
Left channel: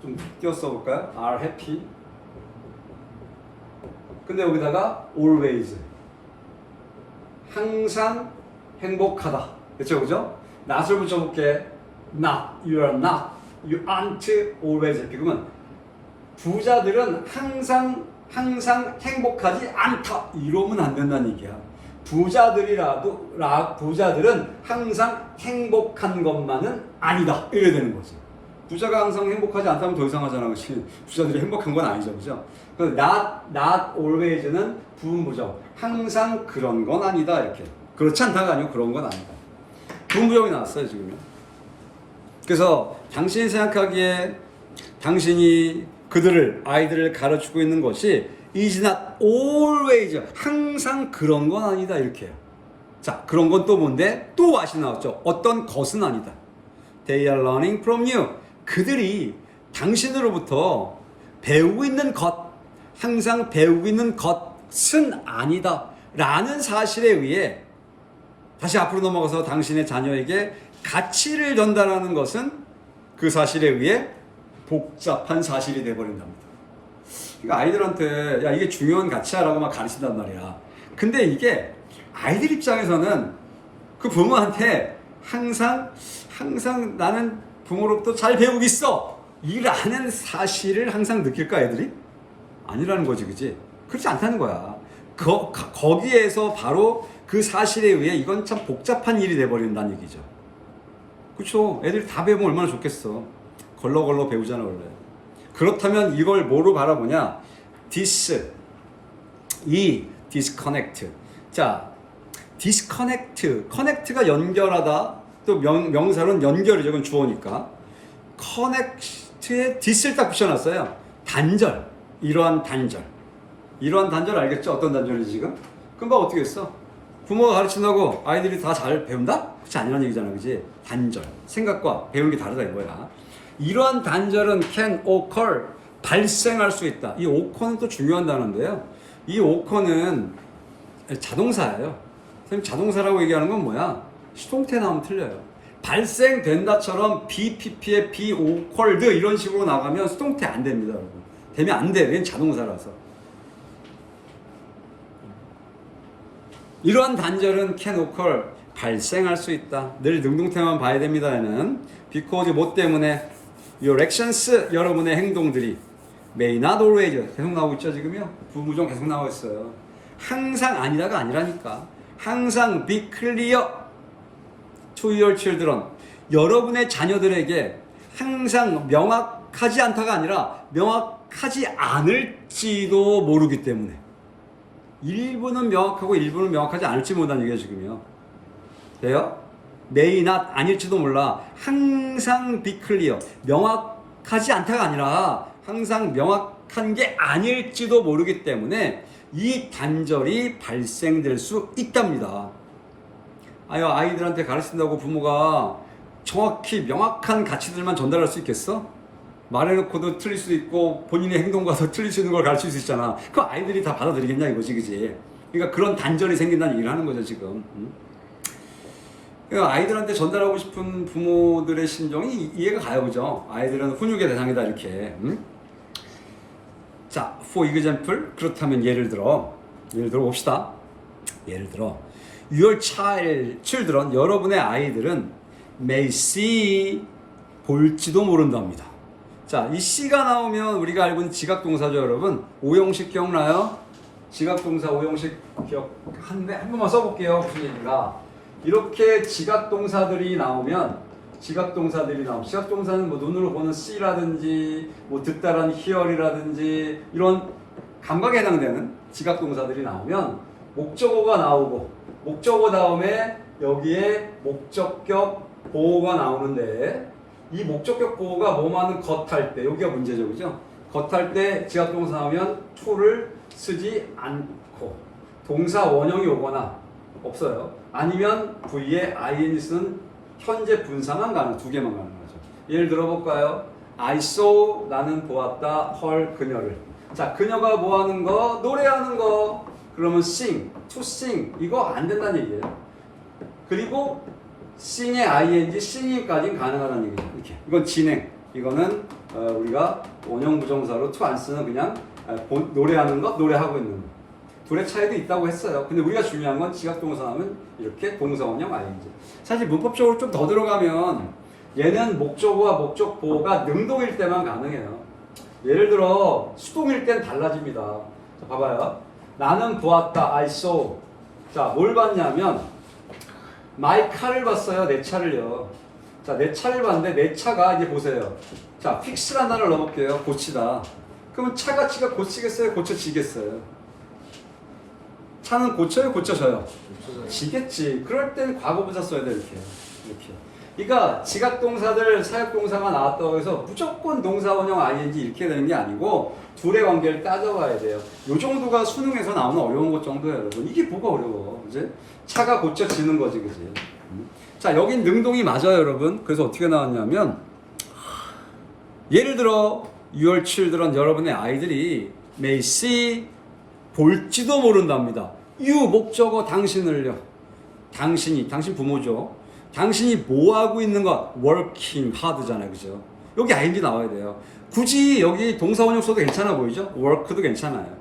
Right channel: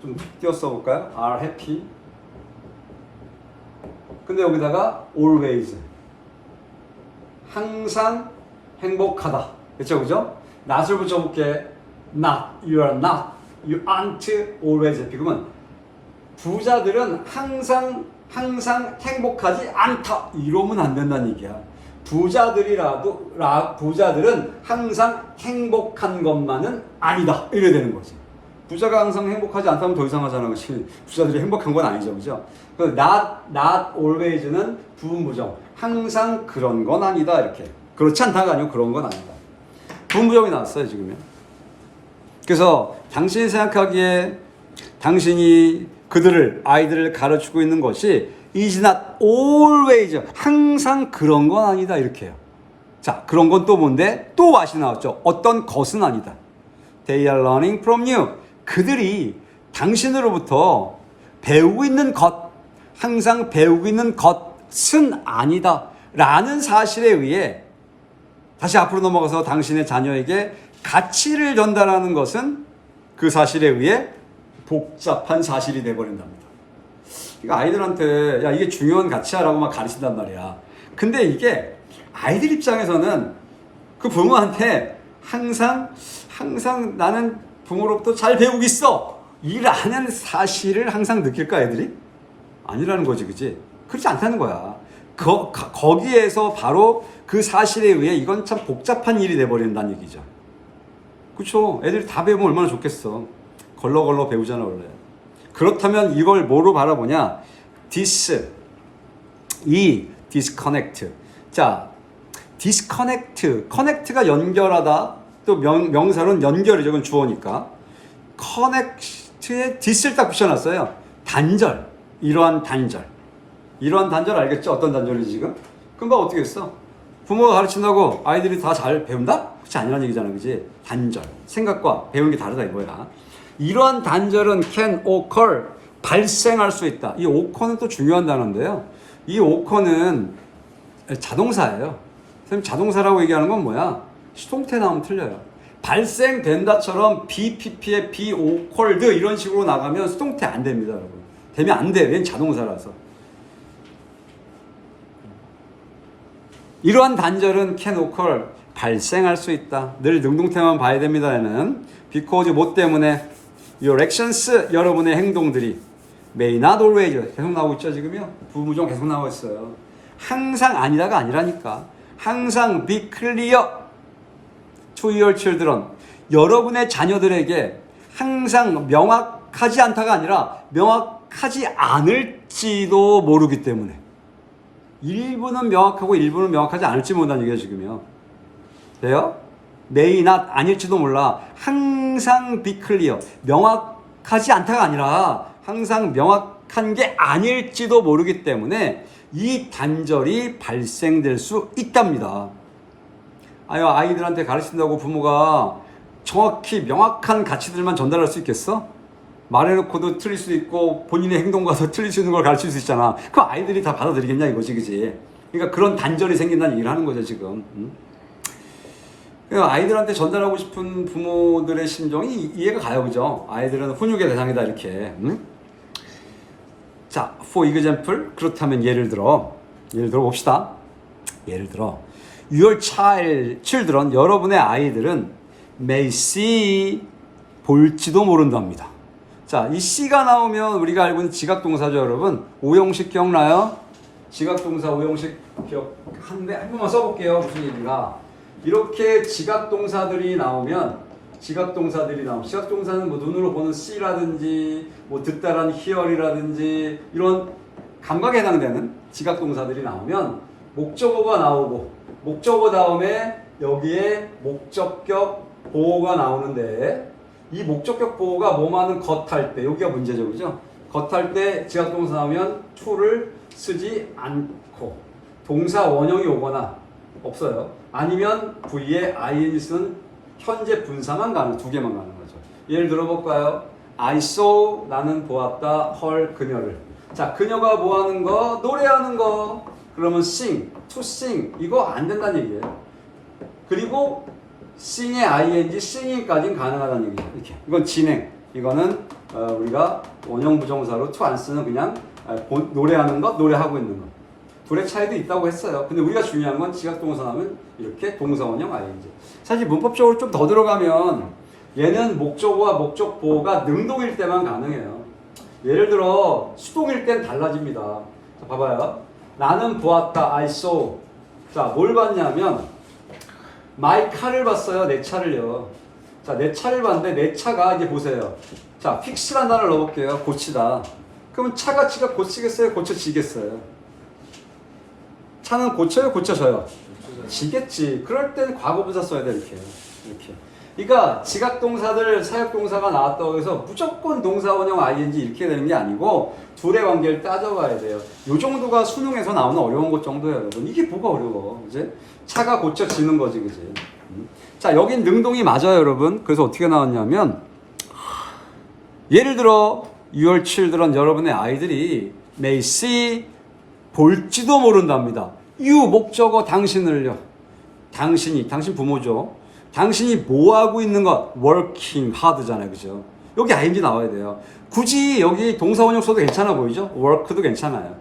좀 띄어 써볼까요? are happy 근데 여기다가 always 항상 행복하다 그쵸 그죠? not을 붙여볼게 not, you are not, you aren't always happy 그러면 부자들은 항상 행복하지 않다 이러면 안 된다는 얘기야. 부자들은 항상 행복한 것만은 아니다 이래야 되는 거지. 부자가 항상 행복하지 않다면 더 이상하잖아. 그치? 부자들이 행복한 건 아니죠 그죠? not always는 부분부정 항상 그런 건 아니다 이렇게. 그렇지 않다가 아니고 그런 건 아니다. 부분부정이 나왔어요 지금요. 그래서 당신이 생각하기에 당신이 아이들을 가르치고 있는 것이 is not always 항상 그런 건 아니다 이렇게요. 자 그런 건 또 뭔데? 또 what이 나왔죠. 어떤 것은 아니다. They are learning from you. 그들이 당신으로부터 배우고 있는 것 항상 배우고 있는 것은 아니다 라는 사실에 의해 다시 앞으로 넘어가서 당신의 자녀에게 가치를 전달하는 것은 그 사실에 의해 복잡한 사실이 돼버린답니다. 그러니까 아이들한테 야 이게 중요한 가치야라고 막 가르친단 말이야. 근데 이게 아이들 입장에서는 그 부모한테 항상 나는 부모로부터 잘 배우고 있어 이라는 사실을 항상 느낄까 애들이? 아니라는 거지 그치? 그렇지 않다는 거야. 거기에서 바로 그 사실에 의해 이건 참 복잡한 일이 돼버린다는 얘기죠. 그쵸? 애들이 다 배우면 얼마나 좋겠어. 걸러걸러 배우잖아 원래. 그렇다면 이걸 뭐로 바라보냐? disconnect. 자, connect가 연결하다. 또 명사는 연결이죠. 그건 주어니까. connect에 this를 딱 붙여놨어요. 단절, 이러한 단절. 이러한 단절 알겠죠? 어떤 단절이지 지금? 금방 어떻게 했어? 부모가 가르친다고 아이들이 다 잘 배운다? 그렇지 아니란 얘기잖아, 그지? 단절. 생각과 배우는 게 다르다 이거야. 이러한 단절은 can occur, 발생할 수 있다. 이 occur는 또 중요한 단어인데요. 이 occur는 자동사예요. 선생님 자동사라고 얘기하는 건 뭐야? 수동태 나오면 틀려요. 발생된다처럼 BPP에 be occurred 이런 식으로 나가면 수동태 안 됩니다, 여러분. 되면 안 돼. 얘는 자동사라서. 이러한 단절은 can occur, 발생할 수 있다. 늘 능동태만 봐야 됩니다. 얘는 because 뭐 때문에 your actions, 여러분의 행동들이 may not always 계속 나오고 있죠 지금요. 부부정 계속 나오고 있어요. 항상 아니라가 아니라니까. 항상 be clear to your children. 여러분의 자녀들에게 항상 명확하지 않다가 아니라 명확하지 않을지도 모르기 때문에. 일부는 명확하고 일부는 명확하지 않을지 모른다는 얘기예요 지금요. 돼요? may not 아닐지도 몰라. 항상 be clear. 명확하지 않다가 아니라 항상 명확한 게 아닐지도 모르기 때문에 이 단절이 발생될 수 있답니다. 아이들한테 가르친다고 부모가 정확히 명확한 가치들만 전달할 수 있겠어? 말해놓고도 틀릴 수 있고 본인의 행동과도 틀릴 수 있는 걸 가르칠 수 있잖아. 그 아이들이 다 받아들이겠냐 이거지, 그지? 그러니까 그런 단절이 생긴다는 얘기를 하는 거죠 지금. 그러니까 아이들한테 전달하고 싶은 부모들의 심정이 이해가 가요, 그죠? 아이들은 훈육의 대상이다 이렇게. 자, for example, 그렇다면 예를 들어 봅시다. 예를 들어 your children, 여러분의 아이들은 may see, 볼지도 모른답니다. 자, 이 C가 나오면 우리가 알고 있는 지각동사죠, 여러분. 오형식 기억나요? 지각동사 오형식 한 번만 써볼게요. 무슨 얘기가? 이렇게 지각동사들이 나오면 지각동사는 뭐 눈으로 보는 C라든지 뭐 듣다라는 hear이라든지 이런 감각에 해당되는 지각동사들이 나오면 목적어가 나오고 목적어 다음에 여기에 목적격 보호가 나오는데 이 목적격 보호가 뭐만은 겉할 때 여기가 문제죠, 그죠? 겉할 때 지각동사 나오면 to를 쓰지 않고 동사 원형이 오거나 없어요. 아니면 V에 ing 쓴 현재 분사만 가는 두 개만 가는 거죠. 예를 들어볼까요? I saw, 나는 보았다, her, 그녀를. 자, 그녀가 뭐 하는 거? 노래하는 거. 그러면 sing, to sing 이거 안 된다는 얘기예요. 그리고 sing의 ing, singing까지는 가능하다는 얘기죠. 이렇게. 이건 진행. 이거는 우리가 원형 부정사로 to 안 쓰는 그냥 노래하는 것, 노래하고 있는 것. 둘의 차이도 있다고 했어요. 근데 우리가 중요한 건 지각동사 하면 이렇게 동사 원형 ing. 사실 문법적으로 좀 더 들어가면 얘는 목적어와 목적 보호가 능동일 때만 가능해요. 예를 들어 수동일 땐 달라집니다. 자, 봐봐요. 나는 보았다. I saw. 자, 뭘 봤냐면 my car를 봤어요. 내 차를요. 자, 내 차를 봤는데 내 차가 이제 보세요. 자, fix라는 단어를 넣어볼게요. 고치다. 그러면 차가 고치겠어요? 고쳐지겠어요? 차는 고쳐요? 고쳐져요? 지겠지. 그럴 땐 과거분사 써야 돼, 이렇게. 그러니까 지각동사들 사역동사가 나왔다고 해서 무조건 동사원형 ing 이렇게 되는 게 아니고 둘의 관계를 따져봐야 돼요. 요 정도가 수능에서 나오는 어려운 것 정도예요, 여러분. 이게 뭐가 어려워, 그지? 차가 고쳐지는 거지, 그지? 자, 여긴 능동이 맞아요, 여러분. 그래서 어떻게 나왔냐면 예를 들어 your children, 여러분의 아이들이 may see, 볼지도 모른답니다. you 목적어 당신을요. 당신 부모죠. 당신이 뭐 하고 있는 것? working hard잖아요, 그죠? 여기 ing 나와야 돼요. 굳이 여기 동사 원형 써도 괜찮아 보이죠? work도 괜찮아요.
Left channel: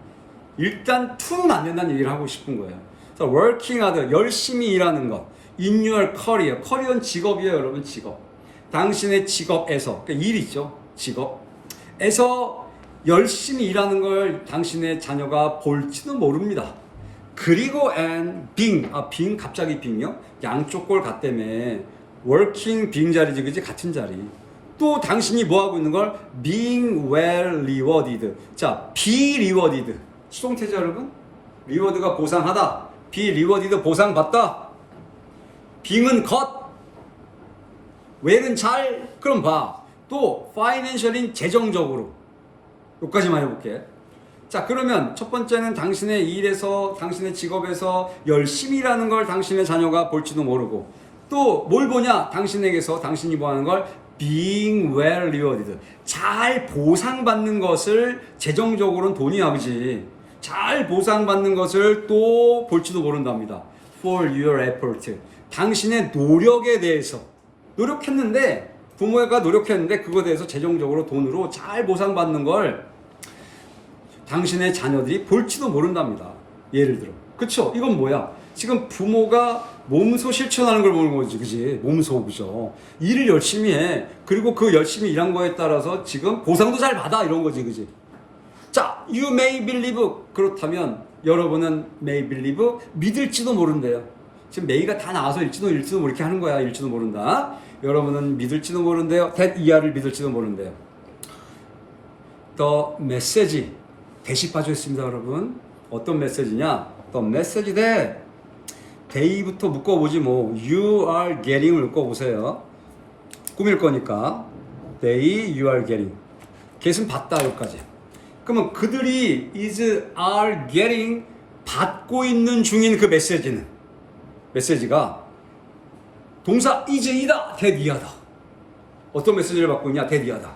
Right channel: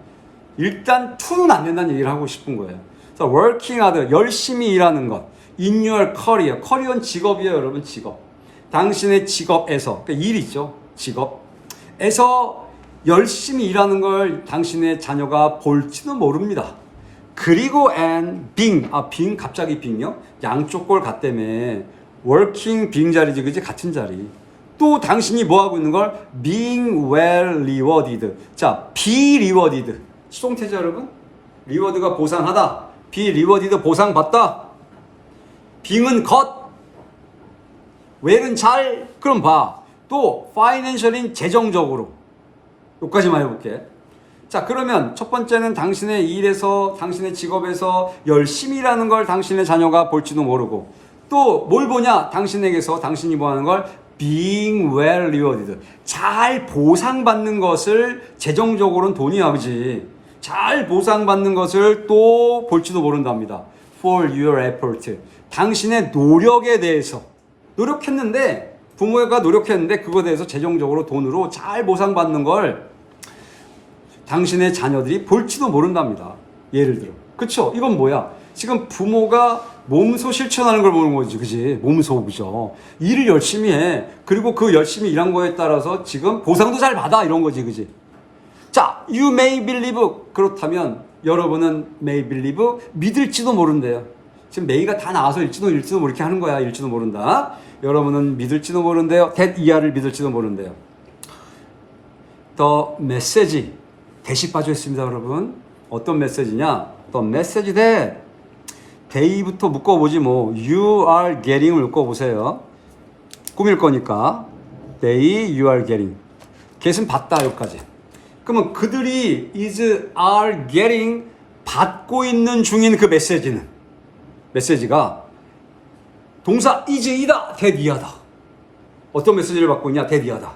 일단 to는 안 된다는 얘기를 하고 싶은 거예요. 그래서 working hard, 열심히 일하는 것. in your career, 커리어는 직업이에요, 여러분. 직업. 당신의 직업에서, 그러니까 일 있죠, 직업에서 열심히 일하는 걸 당신의 자녀가 볼지도 모릅니다. 그리고 and being, being 갑자기 being요? 양쪽 꼴 같다며. working being 자리지, 그지? 같은 자리. 또 당신이 뭐 하고 있는 걸? being well rewarded. 자, be rewarded. 수동태죠, 여러분? reward가 보상하다. be rewarded 보상받다. being은 것. well은 잘. 그럼 봐. 또 financial인 재정적으로. 여기까지만 해볼게. 자, 그러면 첫 번째는 당신의 일에서, 당신의 직업에서 열심히 일하는 걸 당신의 자녀가 볼지도 모르고, 또 뭘 보냐? 당신에게서 당신이 보는 걸 being well rewarded. 잘 보상받는 것을, 재정적으로는 돈이 아버지. 잘 보상받는 것을 또 볼지도 모른답니다. For your effort. 당신의 노력에 대해서. 노력했는데, 부모가 노력했는데, 그거에 대해서 재정적으로 돈으로 잘 보상받는 걸 당신의 자녀들이 볼지도 모른답니다. 예를 들어. 그쵸? 이건 뭐야? 지금 부모가 몸소 실천하는 걸 보는 거지, 그지? 몸소, 그죠? 일을 열심히 해. 그리고 그 열심히 일한 거에 따라서 지금 보상도 잘 받아. 이런 거지, 그지? 자, you may believe. 그렇다면 여러분은 may believe. 믿을지도 모른대요. 지금 may가 다 나와서 일지도 모르게 하는 거야. 일지도 모른다. 여러분은 믿을지도 모른대요. that 이하를 믿을지도 모른대요. The message. 대시 빠져 있습니다, 여러분. 어떤 메시지냐? The message that day부터 묶어보지 뭐. You are getting을 묶어보세요. 꾸밀 거니까. They, you are getting. get은 받다, 여기까지. 그러면 그들이 is, are getting 받고 있는 중인 그 메시지가 동사 is, 이다, that, 이하다. 어떤 메시지를 받고 있냐? that, 이하다.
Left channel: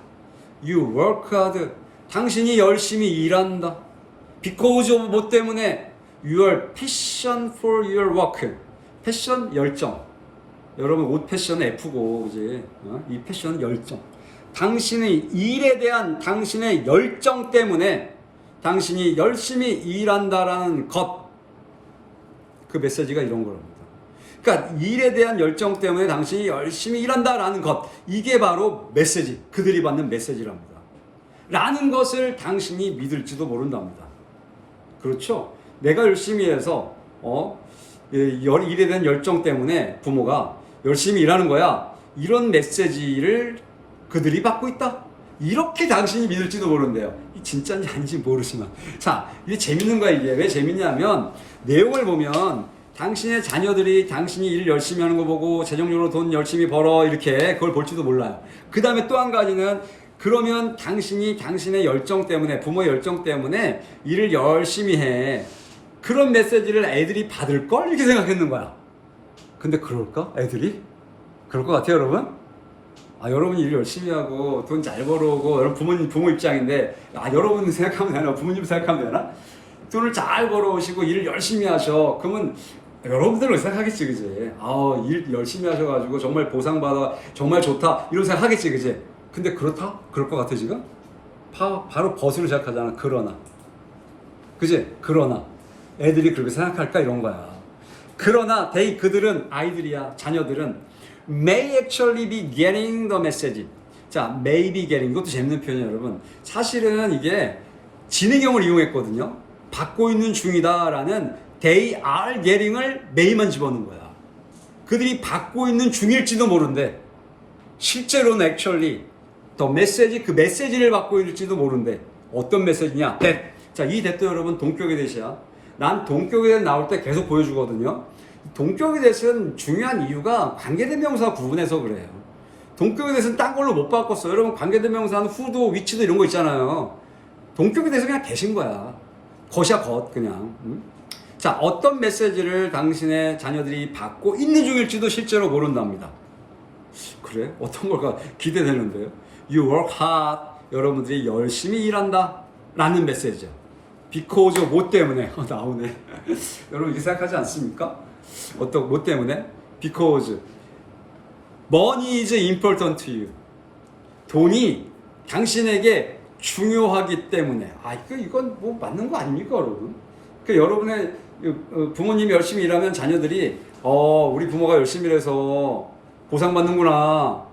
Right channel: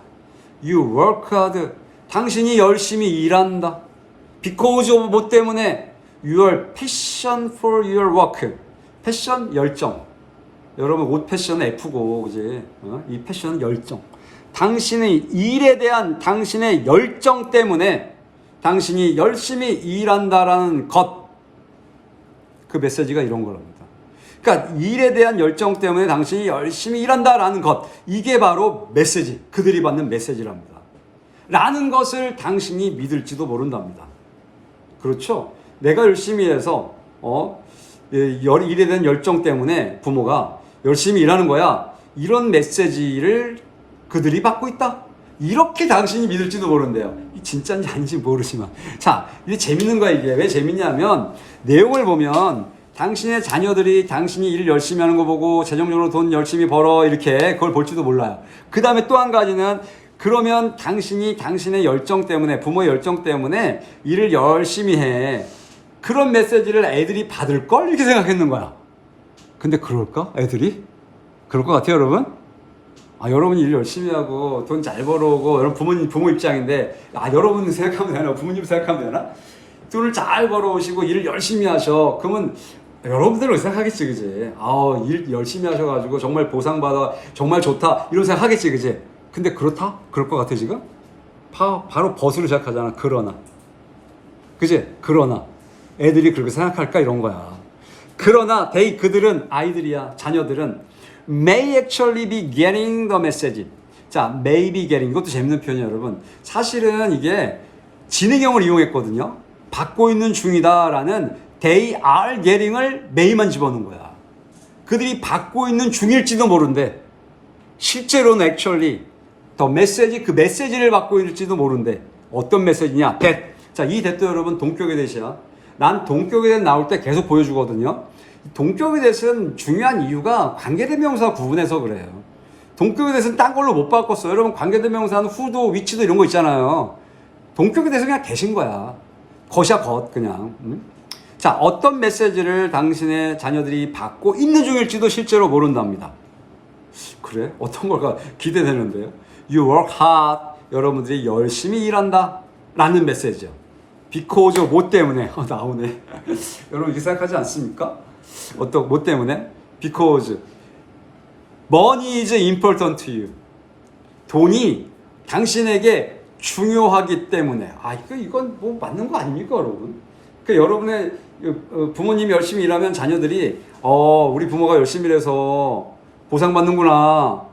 You work hard. 당신이 열심히 일한다. Because of 뭐 때문에? Your passion for your work. 패션, 열정. 여러분 옷 패션은 F고, 그지? 이 패션은 열정. 당신의 일에 대한 당신의 열정 때문에 당신이 열심히 일한다라는 것. 그 메시지가 이런 거랍니다. 그러니까 일에 대한 열정 때문에 당신이 열심히 일한다라는 것. 이게 바로 메시지. 그들이 받는 메시지랍니다. 라는 것을 당신이 믿을지도 모른답니다. 그렇죠? 내가 열심히 해서 일에 대한 열정 때문에 부모가 열심히 일하는 거야. 이런 메시지를 그들이 받고 있다. 이렇게 당신이 믿을지도 모른대요. 진짜인지 아닌지 모르지만. 자, 이게 재밌는 거야. 이게 왜 재밌냐면 내용을 보면 당신의 자녀들이 당신이 일 열심히 하는 거 보고 재정적으로 돈 열심히 벌어 이렇게 그걸 볼지도 몰라요. 그 다음에 또 한 가지는 그러면 당신이 당신의 열정 때문에, 부모의 열정 때문에 일을 열심히 해. 그런 메시지를 애들이 받을걸? 이렇게 생각했는 거야. 근데 그럴까? 애들이? 그럴 것 같아요, 여러분? 여러분이 일 열심히 하고 돈 잘 벌어오고, 여러분 부모 입장인데, 여러분 생각하면 되나? 부모님 생각하면 되나? 돈을 잘 벌어오시고 일을 열심히 하셔. 그러면 여러분들은 생각하겠지, 그지? 일 열심히 하셔가지고 정말 보상받아, 정말 좋다. 이런 생각하겠지, 그지? 근데 그렇다? 그럴 것 같아, 지금? 바로 벗으로 시작하잖아. 그러나. 그지? 그러나. 애들이 그렇게 생각할까? 이런 거야. 그러나, 그들은, 아이들이야, 자녀들은, may actually be getting the message. 자, may be getting. 이것도 재밌는 표현이에요, 여러분. 사실은 이게 진행형을 이용했거든요. 받고 있는 중이다라는 they are getting을 may만 집어넣은 거야. 그들이 받고 있는 중일지도 모른대. 실제로는 actually 더 메시지, 그 메시지를 받고 있을지도 모른대. 어떤 메시지냐? that. 자, 이 that도 여러분 동격의 that이야. 난 동격의 that 나올 때 계속 보여주거든요. 동격의 that은 중요한 이유가 관계대명사 구분해서 그래요. 동격의 that은 딴 걸로 못 바꿨어. 여러분 관계대명사는 who도 which도 이런 거 있잖아요. 동격의 that은 그냥 that인 거야. 것이야 것 그냥. 자, 어떤 메시지를 당신의 자녀들이 받고 있는 중일지도 실제로 모른답니다. 그래? 어떤 걸까 기대되는데요. You work hard. 여러분들이 열심히 일한다 라는 메시지죠. Because 뭐 때문에? 나오네. 여러분 이렇게 생각하지 않습니까? 뭐 때문에? Because money is important to you. 돈이 당신에게 중요하기 때문에. 이건 뭐 맞는 거 아닙니까, 여러분? 여러분의 부모님이 열심히 일하면 자녀들이 우리 부모가 열심히 일해서 보상받는구나.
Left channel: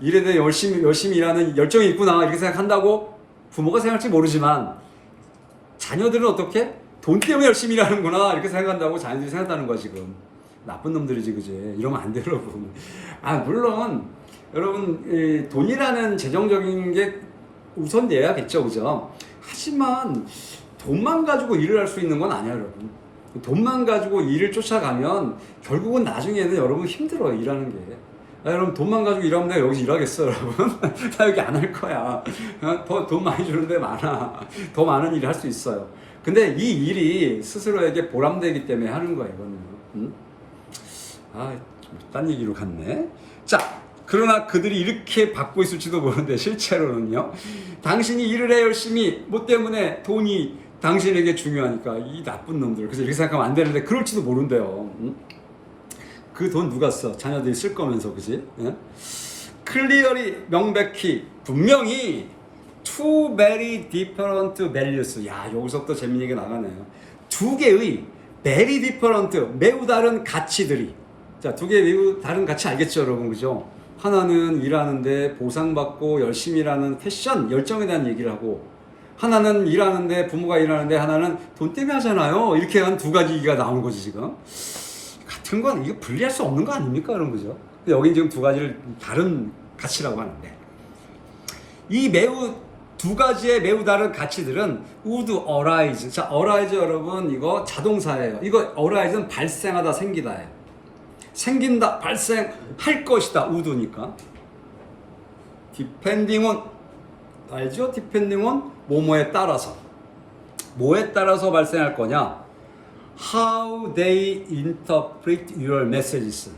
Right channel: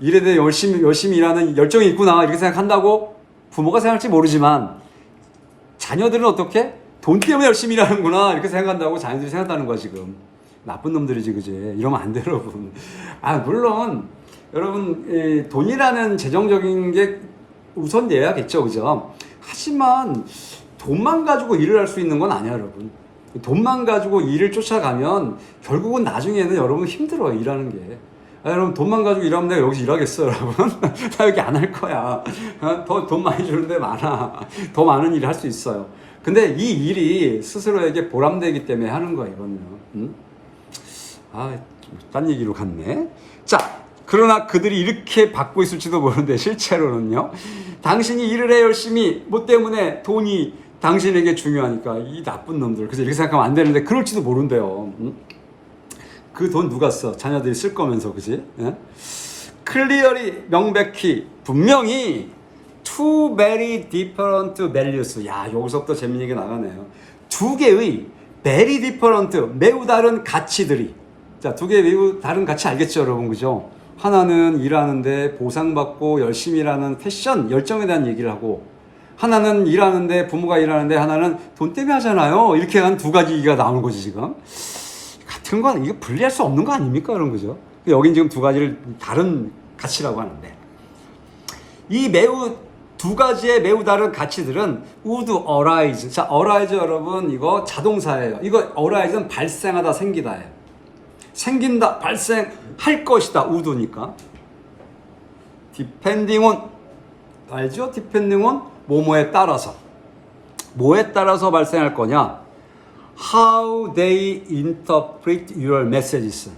일에 대해 열심히 일하는 열정이 있구나. 이렇게 생각한다고 부모가 생각할지 모르지만 자녀들은 어떻게? 돈 때문에 열심히 일하는구나. 이렇게 생각한다고 자녀들이 생각하는 거야, 지금. 나쁜 놈들이지, 그지? 이러면 안 돼, 여러분. 물론, 여러분, 돈이라는 재정적인 게 우선돼야겠죠, 그죠? 하지만 돈만 가지고 일을 할 수 있는 건 아니야, 여러분. 돈만 가지고 일을 쫓아가면 결국은 나중에는 여러분 힘들어요, 일하는 게. 여러분 돈만 가지고 일하면 내가 여기서 일하겠어 여러분? 나 여기 안 할 거야. 더 돈 많이 주는데 많아. 더 많은 일을 할 수 있어요. 근데 이 일이 스스로에게 보람되기 때문에 하는 거야 이거는. 응? 딴 얘기로 갔네. 자, 그러나 그들이 이렇게 받고 있을지도 모르는데 실제로는요. 당신이 일을 해 열심히 뭐 때문에 돈이 당신에게 중요하니까 이 나쁜 놈들. 그래서 이렇게 생각하면 안 되는데 그럴지도 모른대요. 응? 그 돈 누가 써? 자녀들이 쓸 거면서, 그지? 클리어리, 명백히, 분명히 two very different values. 야, 여기서부터 재밌는 게 나가네요. 두 개의 very different, 매우 다른 가치들이. 자, 두 개의 매우 다른 가치 알겠죠, 여러분? 그죠? 하나는 일하는데 보상받고 열심히 일하는 패션, 열정에 대한 얘기를 하고, 하나는 일하는데, 부모가 일하는데, 하나는 돈 때문에 하잖아요. 이렇게 한 두 가지 얘기가 나오는 거지, 지금. 같은 건 이거 분리할 수 없는 거 아닙니까? 그런 거죠. 여긴 지금 두 가지를 다른 가치라고 하는데, 이 매우 두 가지의 매우 다른 가치들은 would arise. 자, arise 여러분 이거 자동사예요. 이거 arise는 발생하다, 생기다예요. 생긴다, 발생할 것이다, would니까. depending on, 알죠? depending on 뭐뭐에 따라서. 뭐에 따라서 발생할 거냐? How they interpret your messages.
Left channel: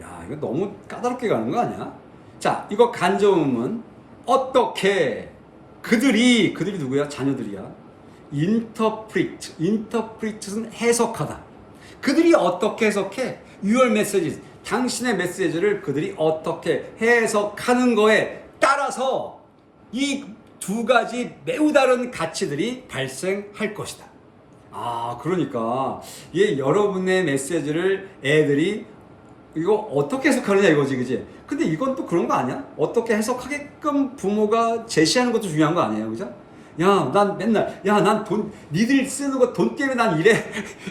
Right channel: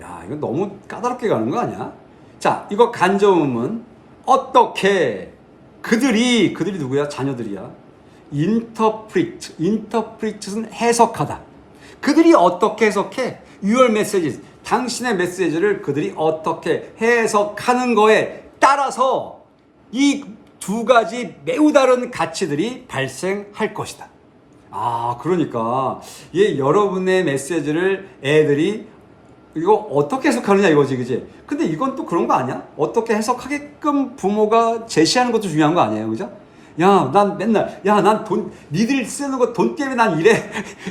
야, 이거 너무 까다롭게 가는 거 아니야? 자, 이거 간접음은 어떻게 그들이 누구야? 자녀들이야. interpret은 해석하다. 그들이 어떻게 해석해? your messages. 당신의 메시지를 그들이 어떻게 해석하는 거에 따라서 이 두 가지 매우 다른 가치들이 발생할 것이다. 그러니까 여러분의 메시지를 애들이 이거 어떻게 해석하느냐 이거지, 그지? 근데 이건 또 그런 거 아니야? 어떻게 해석하게끔 부모가 제시하는 것도 중요한 거 아니에요, 그죠? 야, 난 맨날, 난 돈, 니들 쓰는 거 돈 때문에 난 이래.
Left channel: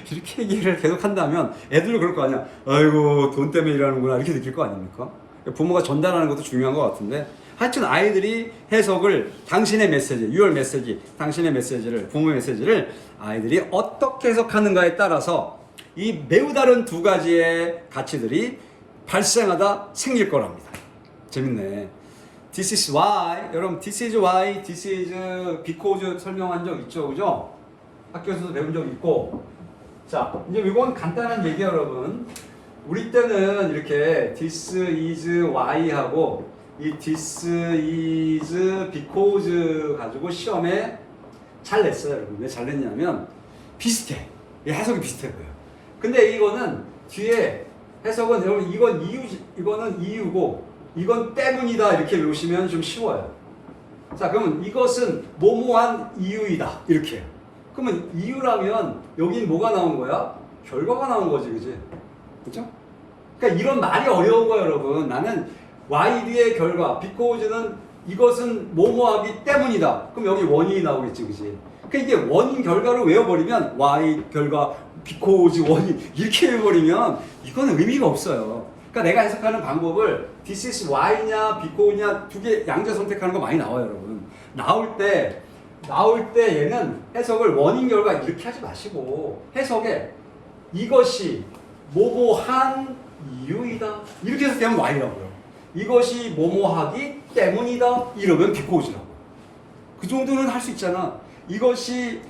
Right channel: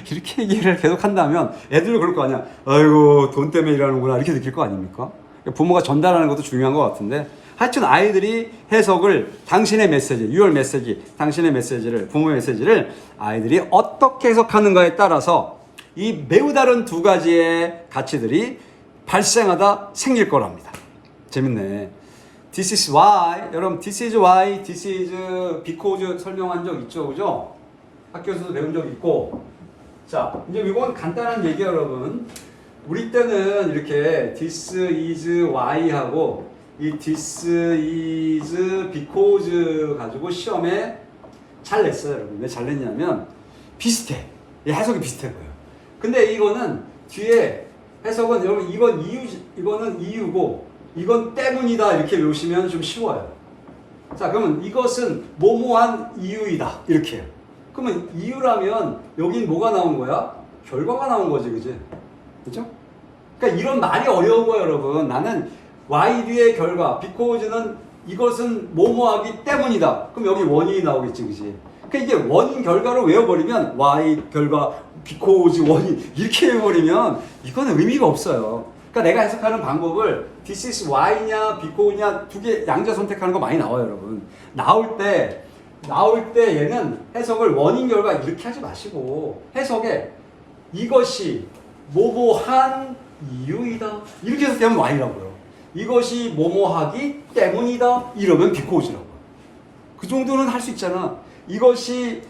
이렇게 얘기를 계속 한다면 애들도 그럴 거 아니야. 아이고, 돈 때문에 일하는구나. 이렇게 느낄 거 아닙니까? 부모가 전달하는 것도 중요한 것 같은데, 하여튼 아이들이 해석을, 당신의 메시지, your 메시지, 당신의 메시지를, 부모의 메시지를 아이들이 어떻게 해석하는가에 따라서 이 매우 다른 두 가지의 가치들이 발생하다 생길 거랍니다. 재밌네. This is why, 여러분, this is why, this is because 설명한 적 있죠, 그죠? 학교에서도 배운 적 있고. 자, 이제 이건 간단한 얘기예요, 여러분. 우리 때는 이렇게 this is why 하고 이 this is because 가지고 시험에 잘 냈어요, 여러분. 왜 잘 냈냐면 비슷해. 해석이 비슷해 보여. 근데 이거는 뒤에 해석은 여러분 이거는 이유고 이건 때문이다 이렇게 외우시면 좀 쉬워요. 자, 그러면 이것은 뭐뭐한 이유이다 이렇게. 그러면 이유라면 여긴 뭐가 나온 거야? 결과가 나온 거지, 그지? 그죠? 그러니까 이런 말이 어려운 거예요, 여러분. 나는 y 뒤의 결과, because는 이것은 뭐뭐하기 때문이다. 그럼 여기 원인이 나오겠지, 그지? 그러니까 이게 원인 결과를 외워버리면 y 결과, because 원인 이렇게 외워버리면 이거는 의미가 없어요. 그러니까 내가 해석하는 방법을 this is why냐, because냐 두 개 양자 선택하는 거 많이 나와요, 여러분. 나올 때 얘는 해석을 원인 결과 이렇게 하지 마시고 해석에 이것이 뭐뭐한 이유이다 이렇게 해서 되면 y라고요. 이것이 뭐뭐하기 때문이다 이러면 because라고. 그 정도는 할 수 있잖아. 이것이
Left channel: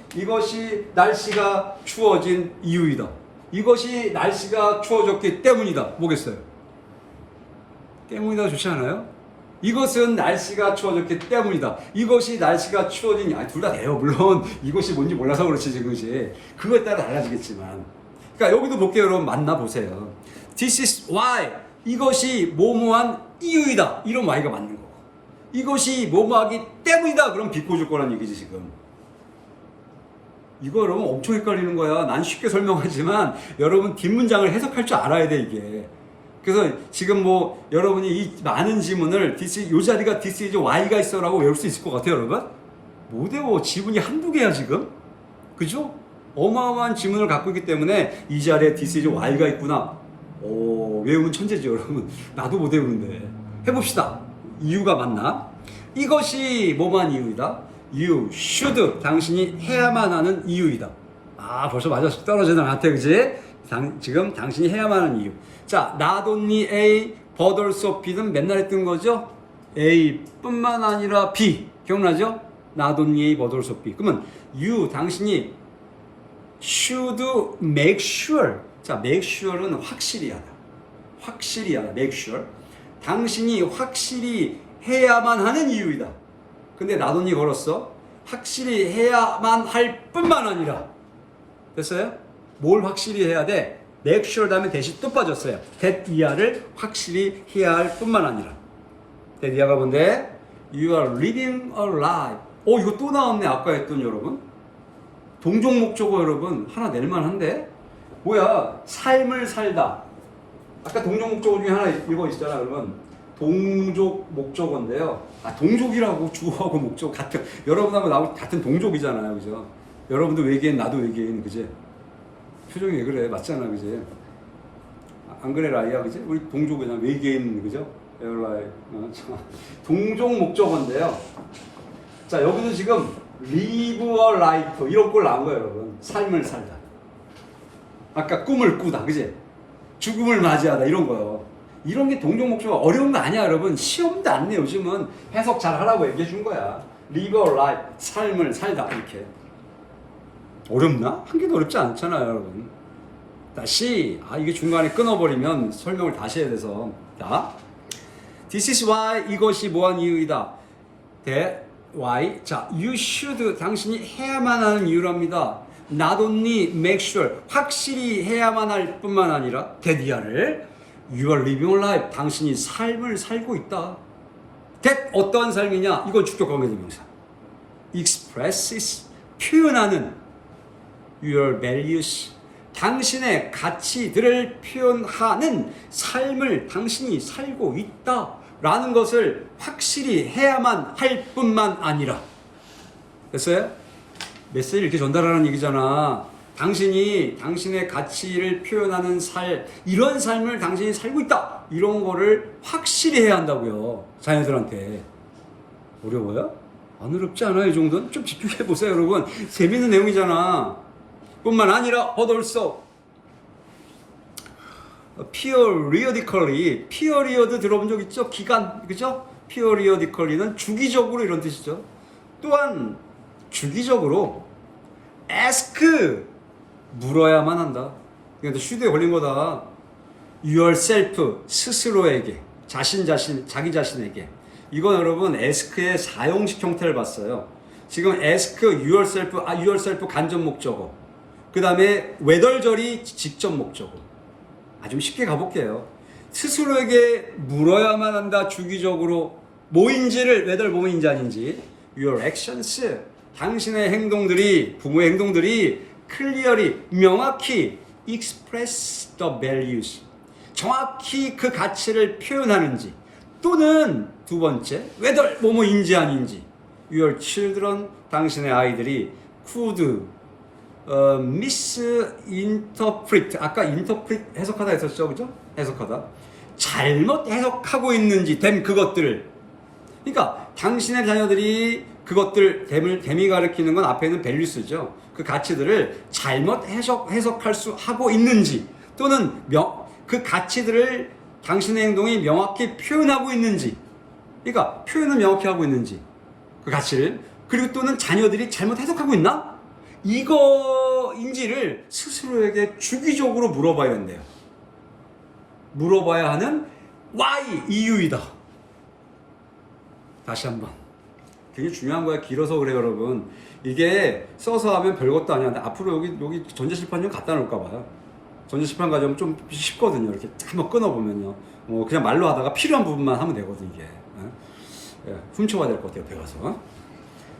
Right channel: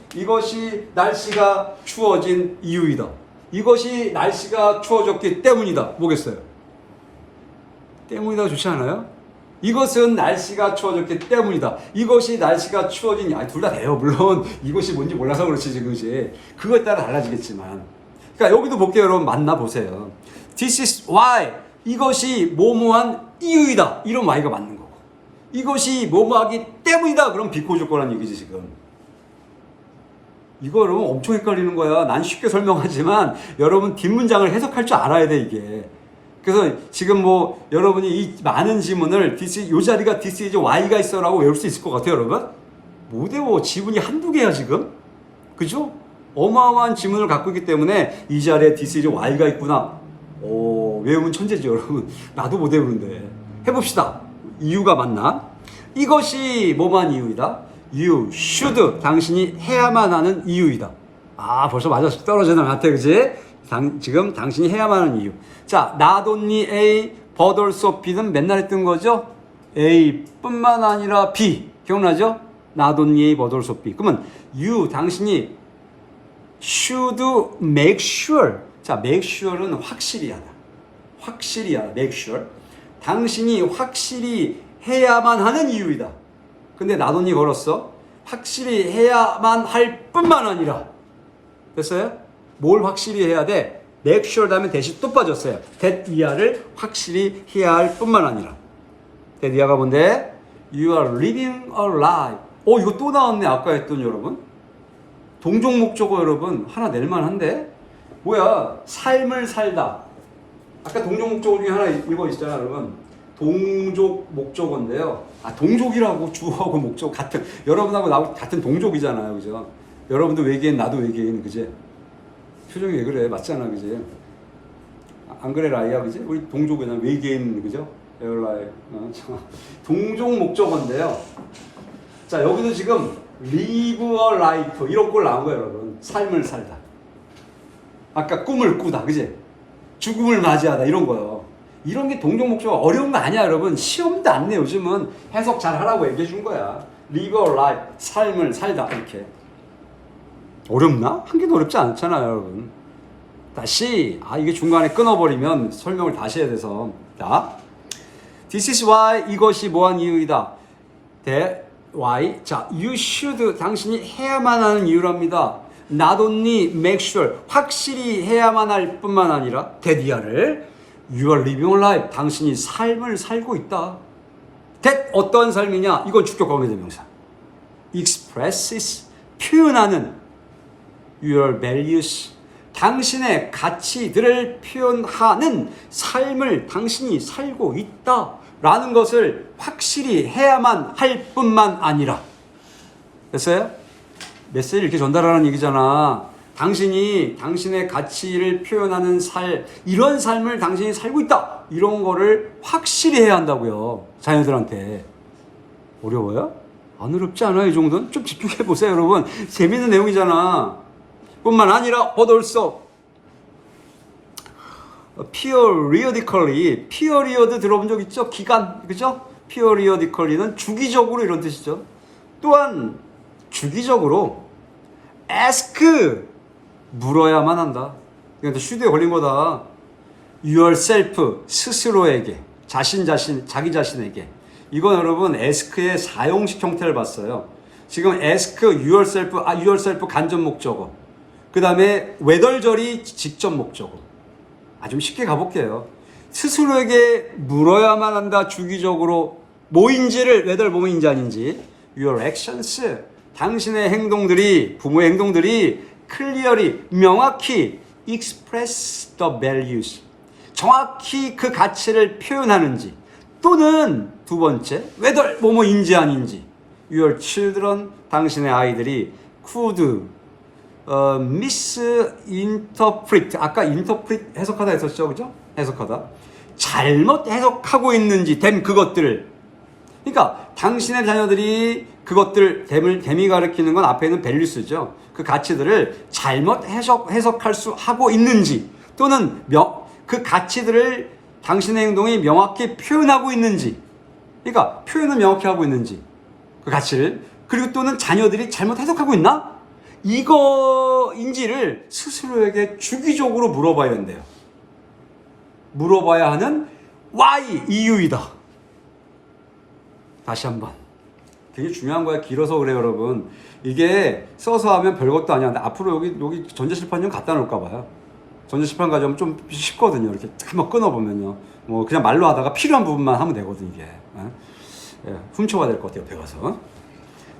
날씨가 추워진 이유이다. 이것이 날씨가 추워졌기 때문이다. 뭐겠어요? 때문이다 좋지 않아요? 이것은 날씨가 추워졌기 때문이다. 이것이 날씨가 추워진, 둘 다 돼요. 물론 이것이 뭔지 몰라서 그렇지 지금이. 그거에 따라 달라지겠지만. 그러니까 여기도 볼게요, 여러분. 만나보세요. This is why. 이것이 뭐뭐한 이유이다. 이런 y가 맞는 거고. 이것이 뭐뭐하기 때문이다. 그럼 because 거란 얘기지 지금. 이거 여러분 엄청 헷갈리는 거야. 난 쉽게 설명하지만 여러분 뒷문장을 해석할 줄 알아야 돼 이게. 그래서 지금 뭐 여러분이 이 많은 지문을 요 자리가 this is y가 있어라고 외울 수 있을 것 같아요, 여러분? 못 외워. 지문이 한두 개야 지금. 그죠? 어마어마한 지문을 갖고 있기 때문에 이 자리에 this is y가 있구나. 외우면 천재죠, 여러분. 나도 못 외우는데. 해봅시다. 이유가 맞나? 이것이 뭐만 이유이다? You should. 당신이 해야만 하는 이유이다. 벌써 맞았어. 떨어지는 것 같아, 그지? 지금 당신이 해야만 하는 이유. 자, not only a but also B는 맨날 했던 거죠. A뿐만 아니라 B. 기억나죠? not only A, but also B. 그러면 you, 당신이 should make sure. 자, make sure는 확실히 하다. 확실히 하다. make sure. 당신이 확실히 해야만 하는 이유이다. 근데 not only 걸었어. 확실히 해야만 할 뿐만 아니라. 됐어요? 뭘 확실히 해야 돼? make sure 다음에 대시 또 빠졌어요. that 이하를 확실히 해야 할 뿐만 아니라. that 이하가 뭔데? You are living a life. 이거 또 나왔네. 아까 했던 여러분. 동종 목적어 여러분. 하나 낼만한데? 뭐야? 삶을 살다. 아까 동종 목적어 중에 하나 이거 있잖아, 여러분. 동족 목적어인데요. 동족이라고 주어하고 목적 같은, 여러분하고 나하고 같은 동족이잖아요. 그죠? 여러분도 외계인, 나도 외계인, 그지? 표정이 왜 그래? 맞잖아, 그지? 안 그래, 라이야, 그지? 우리 동족이잖아. 외계인, 그죠? 에어라이. 동족 목적어인데요. 자, 여기도 지금 live a life 이런 꼴 나온 거예요, 여러분. 삶을 살다. 아까 꿈을 꾸다, 그지? 죽음을 맞이하다 이런 거요. 이런 게 동종 목적어 어려운 거 아니야, 여러분. 시험도 안 내. 요즘은 해석 잘 하라고 얘기해 준 거야. live a life 삶을 살다 이렇게. 어렵나? 한 개도 어렵지 않잖아요, 여러분. 다시 이게 중간에 끊어버리면 설명을 다시 해야 돼서. 자, this is why 이것이 뭐한 이유이다. why? 자, you should 당신이 해야만 하는 이유랍니다. not only make sure 확실히 해야만 할 뿐만 아니라 that you are living a life 당신이 삶을 살고 있다. that 어떠한 삶이냐? 이건 주격 관계대명사. expresses 표현하는 your values 당신의 가치들을 표현하는 삶을 당신이 살고 있다. 라는 것을 확실히 해야만 할 뿐만 아니라. 됐어요? 메시지를 이렇게 전달하는 얘기잖아. 당신이 당신의 가치를 표현하는 이런 삶을 당신이 살고 있다. 이런 거를 확실히 해야 한다고요. 자녀들한테. 어려워요? 안 어렵지 않아요, 이 정도는? 좀 집중해 보세요, 여러분. 재밌는 내용이잖아. 뿐만 아니라 but also periodically, period 들어본 적 있죠? 기간, 그죠? periodically는 주기적으로 이런 뜻이죠. 또한 주기적으로 ask 물어야만 한다. 그러니까 should에 걸린 거다. yourself 스스로에게, 자기 자신에게. 이건 여러분 ask의 사용식 형태를 봤어요. 지금 ask yourself 간접 목적어. 그 다음에 외덜절이 직접 목적어. 좀 쉽게 가볼게요. 스스로에게 물어야만 한다. 주기적으로 뭐인지를 whether 뭐인지 아닌지. Your actions 당신의 행동들이 부모의 행동들이 clearly 명확히 express the values 정확히 그 가치를 표현하는지 또는 두 번째 whether 뭐뭐인지 아닌지 Your children 당신의 아이들이 could misinterpret 아까 interpret 해석하다 했었죠, 그죠? 해석하다 잘못 해석하고 있는지 된 그것들을 그러니까 당신의 자녀들이 그것들 댐이 가리키는 건 앞에 있는 values죠. 그 가치들을 잘못 해석할 수 하고 있는지 또는 그 가치들을 당신의 행동이 명확히 표현하고 있는지 그러니까 표현을 명확히 하고 있는지 그 가치를 그리고 또는 자녀들이 잘못 해석하고 있나? 이거인지를 스스로에게 주기적으로 물어봐야 한대요. 물어봐야 하는 why 이유이다. 다시 한번. 되게 중요한 거야. 길어서 그래요, 여러분. 이게 써서 하면 별것도 아니야. 근데 앞으로 여기 전자실판 좀 갖다 놓을까 봐요. 전자실판 가져오면 좀 쉽거든요. 이렇게 한번 끊어보면요. 뭐 그냥 말로 하다가 필요한 부분만 하면 되거든, 이게. 훔쳐가야 될 것 같아요, 배워서.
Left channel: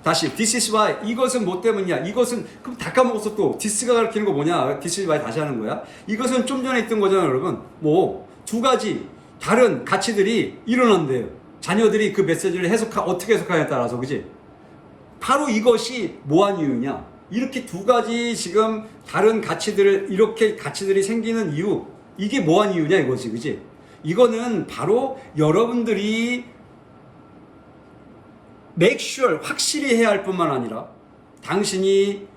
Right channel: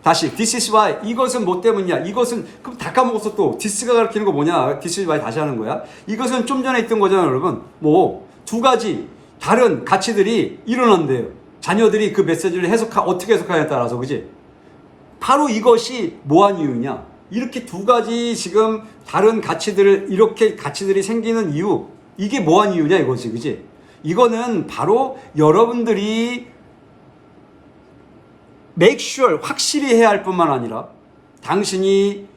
다시 this is why 이것은 뭐 때문이냐 이것은 그럼 다 까먹었어 또 this가 가리키는 거 뭐냐 this is why 다시 하는 거야 이것은 좀 전에 있던 거잖아요 여러분 뭐 두 가지 다른 가치들이 일어난대요 자녀들이 그 메시지를 어떻게 해석하냐에 따라서 그지 바로 이것이 뭐한 이유냐 이렇게 두 가지 지금 다른 가치들을 이렇게 가치들이 생기는 이유 이게 뭐한 이유냐 이거지 그지 이거는 바로 여러분들이 make sure 확실히 해야 할 뿐만 아니라 당신이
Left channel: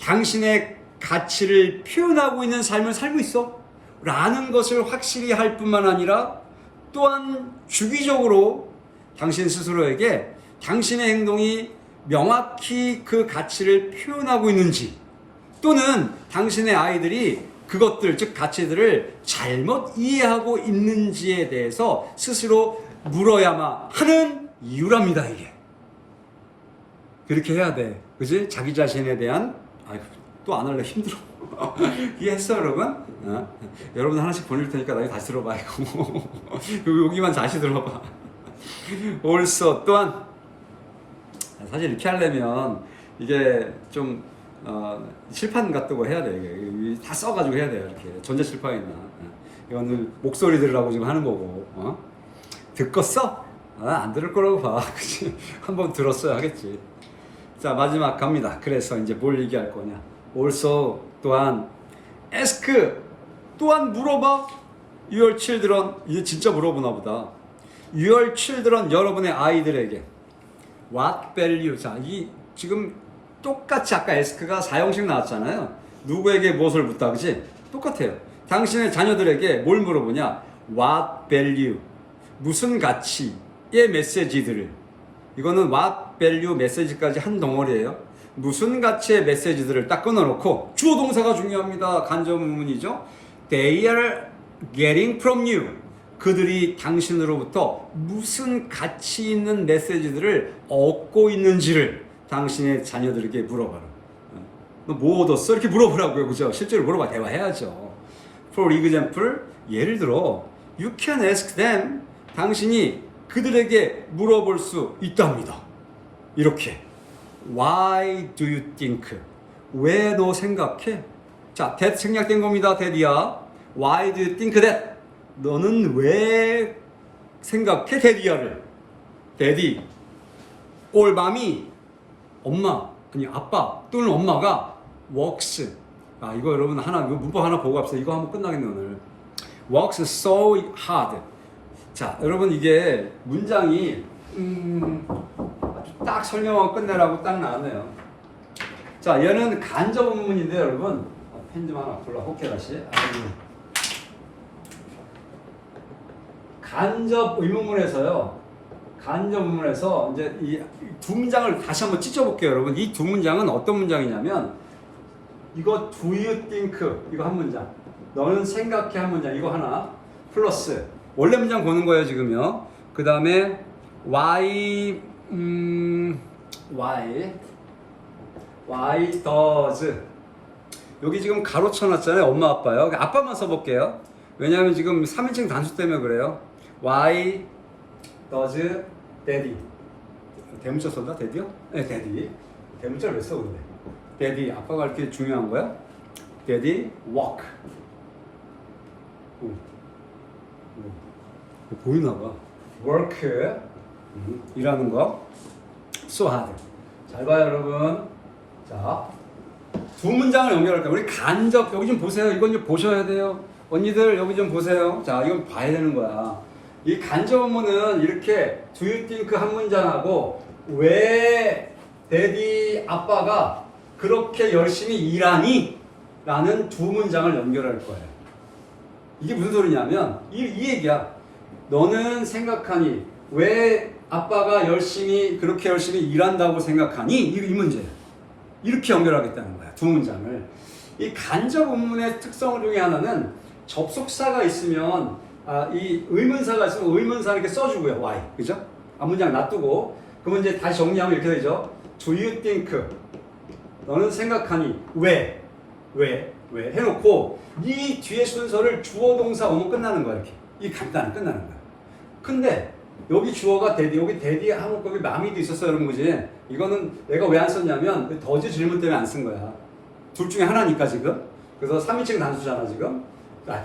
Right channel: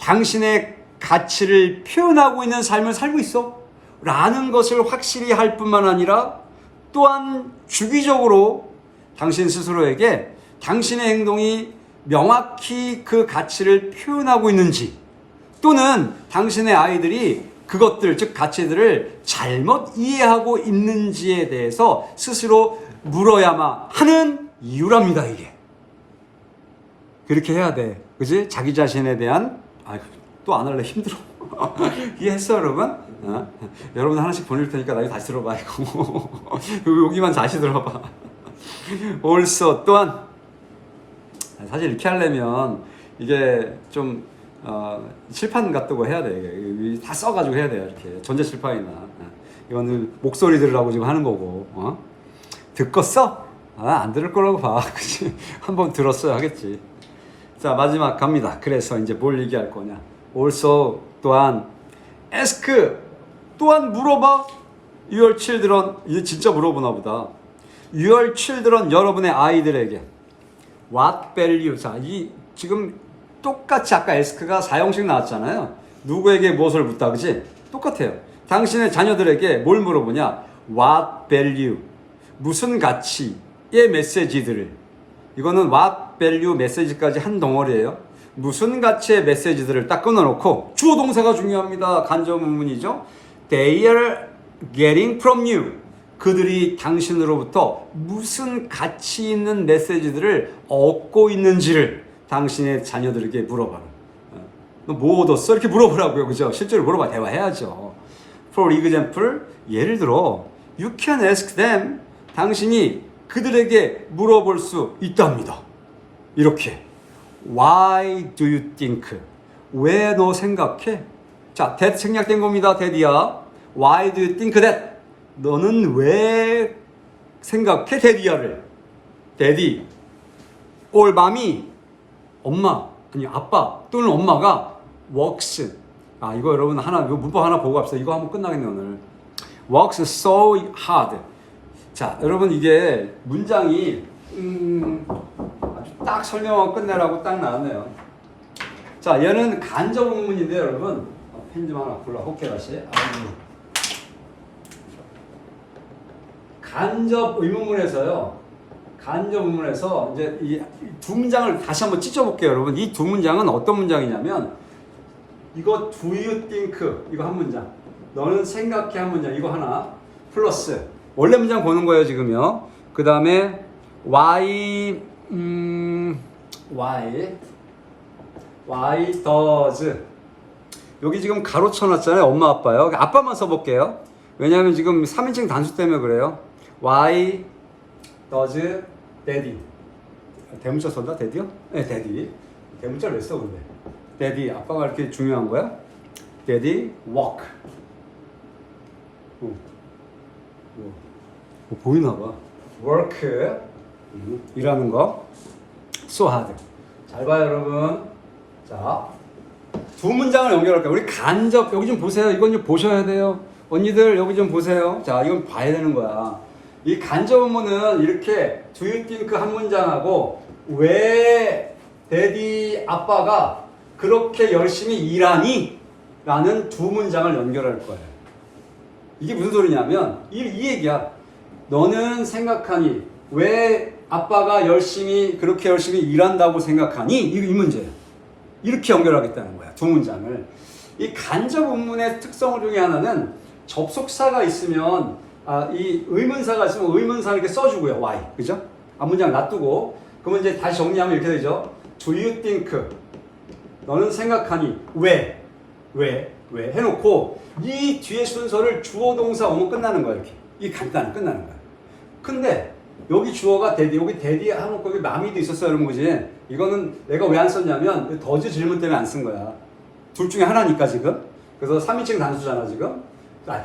당신의 가치를 표현하고 있는 삶을 살고 있어 라는 것을 확실히 할 뿐만 아니라 또한 주기적으로 당신 스스로에게 당신의 행동이 명확히 그 가치를 표현하고 있는지, 또는 당신의 아이들이 그것들, 즉 가치들을 잘못 이해하고 있는지에 대해서 스스로 물어야만 하는 이유랍니다. 이게 그렇게 해야 돼. 그지? 자기 자신에 대한, 또 안 할래, 힘들어. 이해했어 여러분? 여러분 하나씩 보낼 테니까 나중에 다시 들어봐. 이거 여기만 다시 들어봐. also 또한, 사실 이렇게 하려면 이게 좀 칠판 같다고 해야 돼. 이게 다 써가지고 해야 돼. 이렇게 전자 칠판이나. 이거는 목소리 들으라고 지금 하는 거고. 듣고 써? 안 들을 거라고 봐. 그치? 한번 들었어야 하겠지. 자, 마지막 갑니다. 그래서 이제 뭘 얘기할 거냐. also 또한 ask 또한 물어봐. your children, 이게 진짜 물어보나 보다. your children, 여러분의 아이들에게 what value. 자, 이 지금 똑같이 아까 ask가 4형식 나왔잖아요. 누구에게 무엇을 묻다, 그치? 똑같아요. 당신의 자녀들에게 뭘 물어보냐. what value, 무슨 가치의 메시지들을, 이거는 what value 메시지까지 한 덩어리예요. 무슨 가치의 메시지들을 딱 끊어놓고, 주어 동사가 중요합니다. 간접 의문이죠. They are getting from you. 그들이 당신으로부터 무슨 가치 있는 메시지들을 얻고 있는지를 당신의 자녀들에게 물어봐라. 너 뭐 얻었어? 이렇게 물어보라고요. 그죠? 실제로 물어봐. 대화해야죠. For example, 예를 들어 you can ask them. 당신이 그들에게 물어볼 수 있답니다. 이렇게 Why do you think? 왜 너 생각해? 자, that 생략된 겁니다. that이야. Why do you think that? 너는 왜 생각해? daddy야를. daddy. or mommy. 엄마, 아니 아빠 또는 엄마가 works. 이거 여러분 이거 문법 하나 보고 갑시다. 이거 하면 끝나겠네 오늘. works so hard. 자, 여러분 이게 문장이 아주 딱 설명만 끝내라고 딱 나왔네요. 자, 얘는 간접 의문인데 여러분 펜 좀 하나 골라. 호케 다시. 간접 의문문에서요. 간접 의문에서 이제 이 두 문장을 다시 한번 찢어볼게요, 여러분. 이 두 문장은 어떤 문장이냐면, 이거 do you think 이거 한 문장, 너는 생각해 한 문장, 이거 하나 플러스 원래 문장 보는 거예요 지금요. 그 다음에 why does, 여기 지금 가로 쳐놨잖아요. 엄마 아빠요. 아빠만 써볼게요. 왜냐하면 지금 3인칭 단수 때문에 그래요. Why does daddy, 대문자 썼나? daddy요? 네, daddy. 대문자를 왜 써 근데? daddy, 아빠가 이렇게 중요한 거야? daddy walk. 보이나 봐. work, 일하는 거. so hard. 잘 봐요 여러분. 자, 두 문장을 연결할게요. 우리 간접, 여기 좀 보세요. 이건 좀 보셔야 돼요. 언니들 여기 좀 보세요. 자, 이건 봐야 되는 거야. 이 간접 의문은 이렇게 do you think 한 문장하고 왜 daddy 아빠가 그렇게 열심히 일하니? 라는 두 문장을 연결할 거예요. 이게 무슨 소리냐면 이 얘기야. 너는 생각하니? 왜 아빠가 그렇게 열심히 일한다고 생각하니? 이 문제야. 이렇게 연결하겠다는 거야. 두 문장을. 이 간접 의문의 특성 중에 하나는 접속사가 있으면, 이 의문사가 있으면 의문사 이렇게 써주고요. why. 그죠? 앞문장 놔두고. 그러면 이제 다시 정리하면 이렇게 되죠. Do you think? 너는 생각하니? 왜 해놓고 이 뒤에 순서를 주어 동사 오면 끝나는 거야. 이렇게. 이 간단한 끝나는 거야. 근데 여기 주어가 daddy, 여기 daddy 하놓고 여기 마미도 있었어요. 여러분 그지? 이거는 내가 왜 안 썼냐면 더즈 질문 때문에 안 쓴 거야. 둘 중에 하나니까 지금. 그래서 3인칭 단수잖아 지금.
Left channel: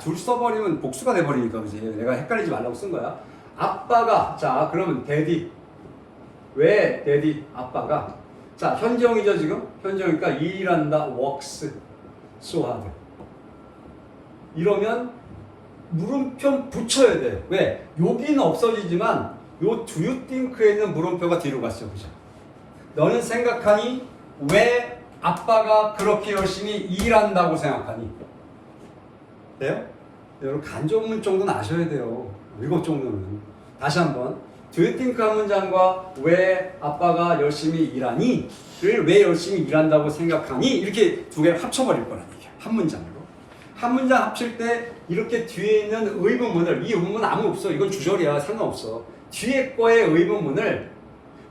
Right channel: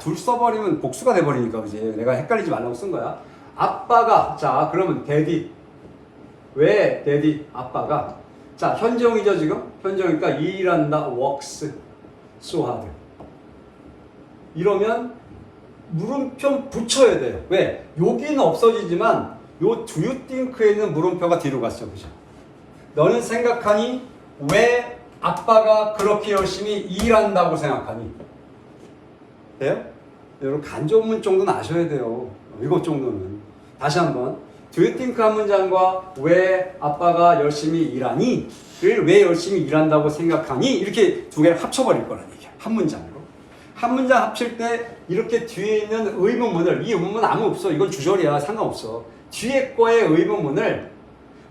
둘 써버리면 복수가 돼버리니까 그지? 내가 헷갈리지 말라고 쓴 거야. 아빠가, 자 그러면 daddy. 왜 daddy? 아빠가. 자, 현정이죠 지금? 현정이니까 일한다. works so hard. 이러면 물음표 붙여야 돼요. 왜? 여기는 없어지지만 요 do you think에 있는 물음표가 뒤로 갔어. 그죠? 너는 생각하니? 왜 아빠가 그렇게 열심히 일한다고 생각하니? 돼요? 여러분 간접문 정도는 아셔야 돼요. 이것 정도는. 다시 한번. Do you think 한 문장과 왜 아빠가 열심히 일하니?를 왜 열심히 일한다고 생각하니? 이렇게 두 개를 합쳐버릴 거란 얘기야. 한 문장으로. 한 문장 합칠 때 이렇게 뒤에 있는 의문문을, 이 의문문 아무 없어. 이건 주절이야. 상관없어. 뒤에 거의 의문문을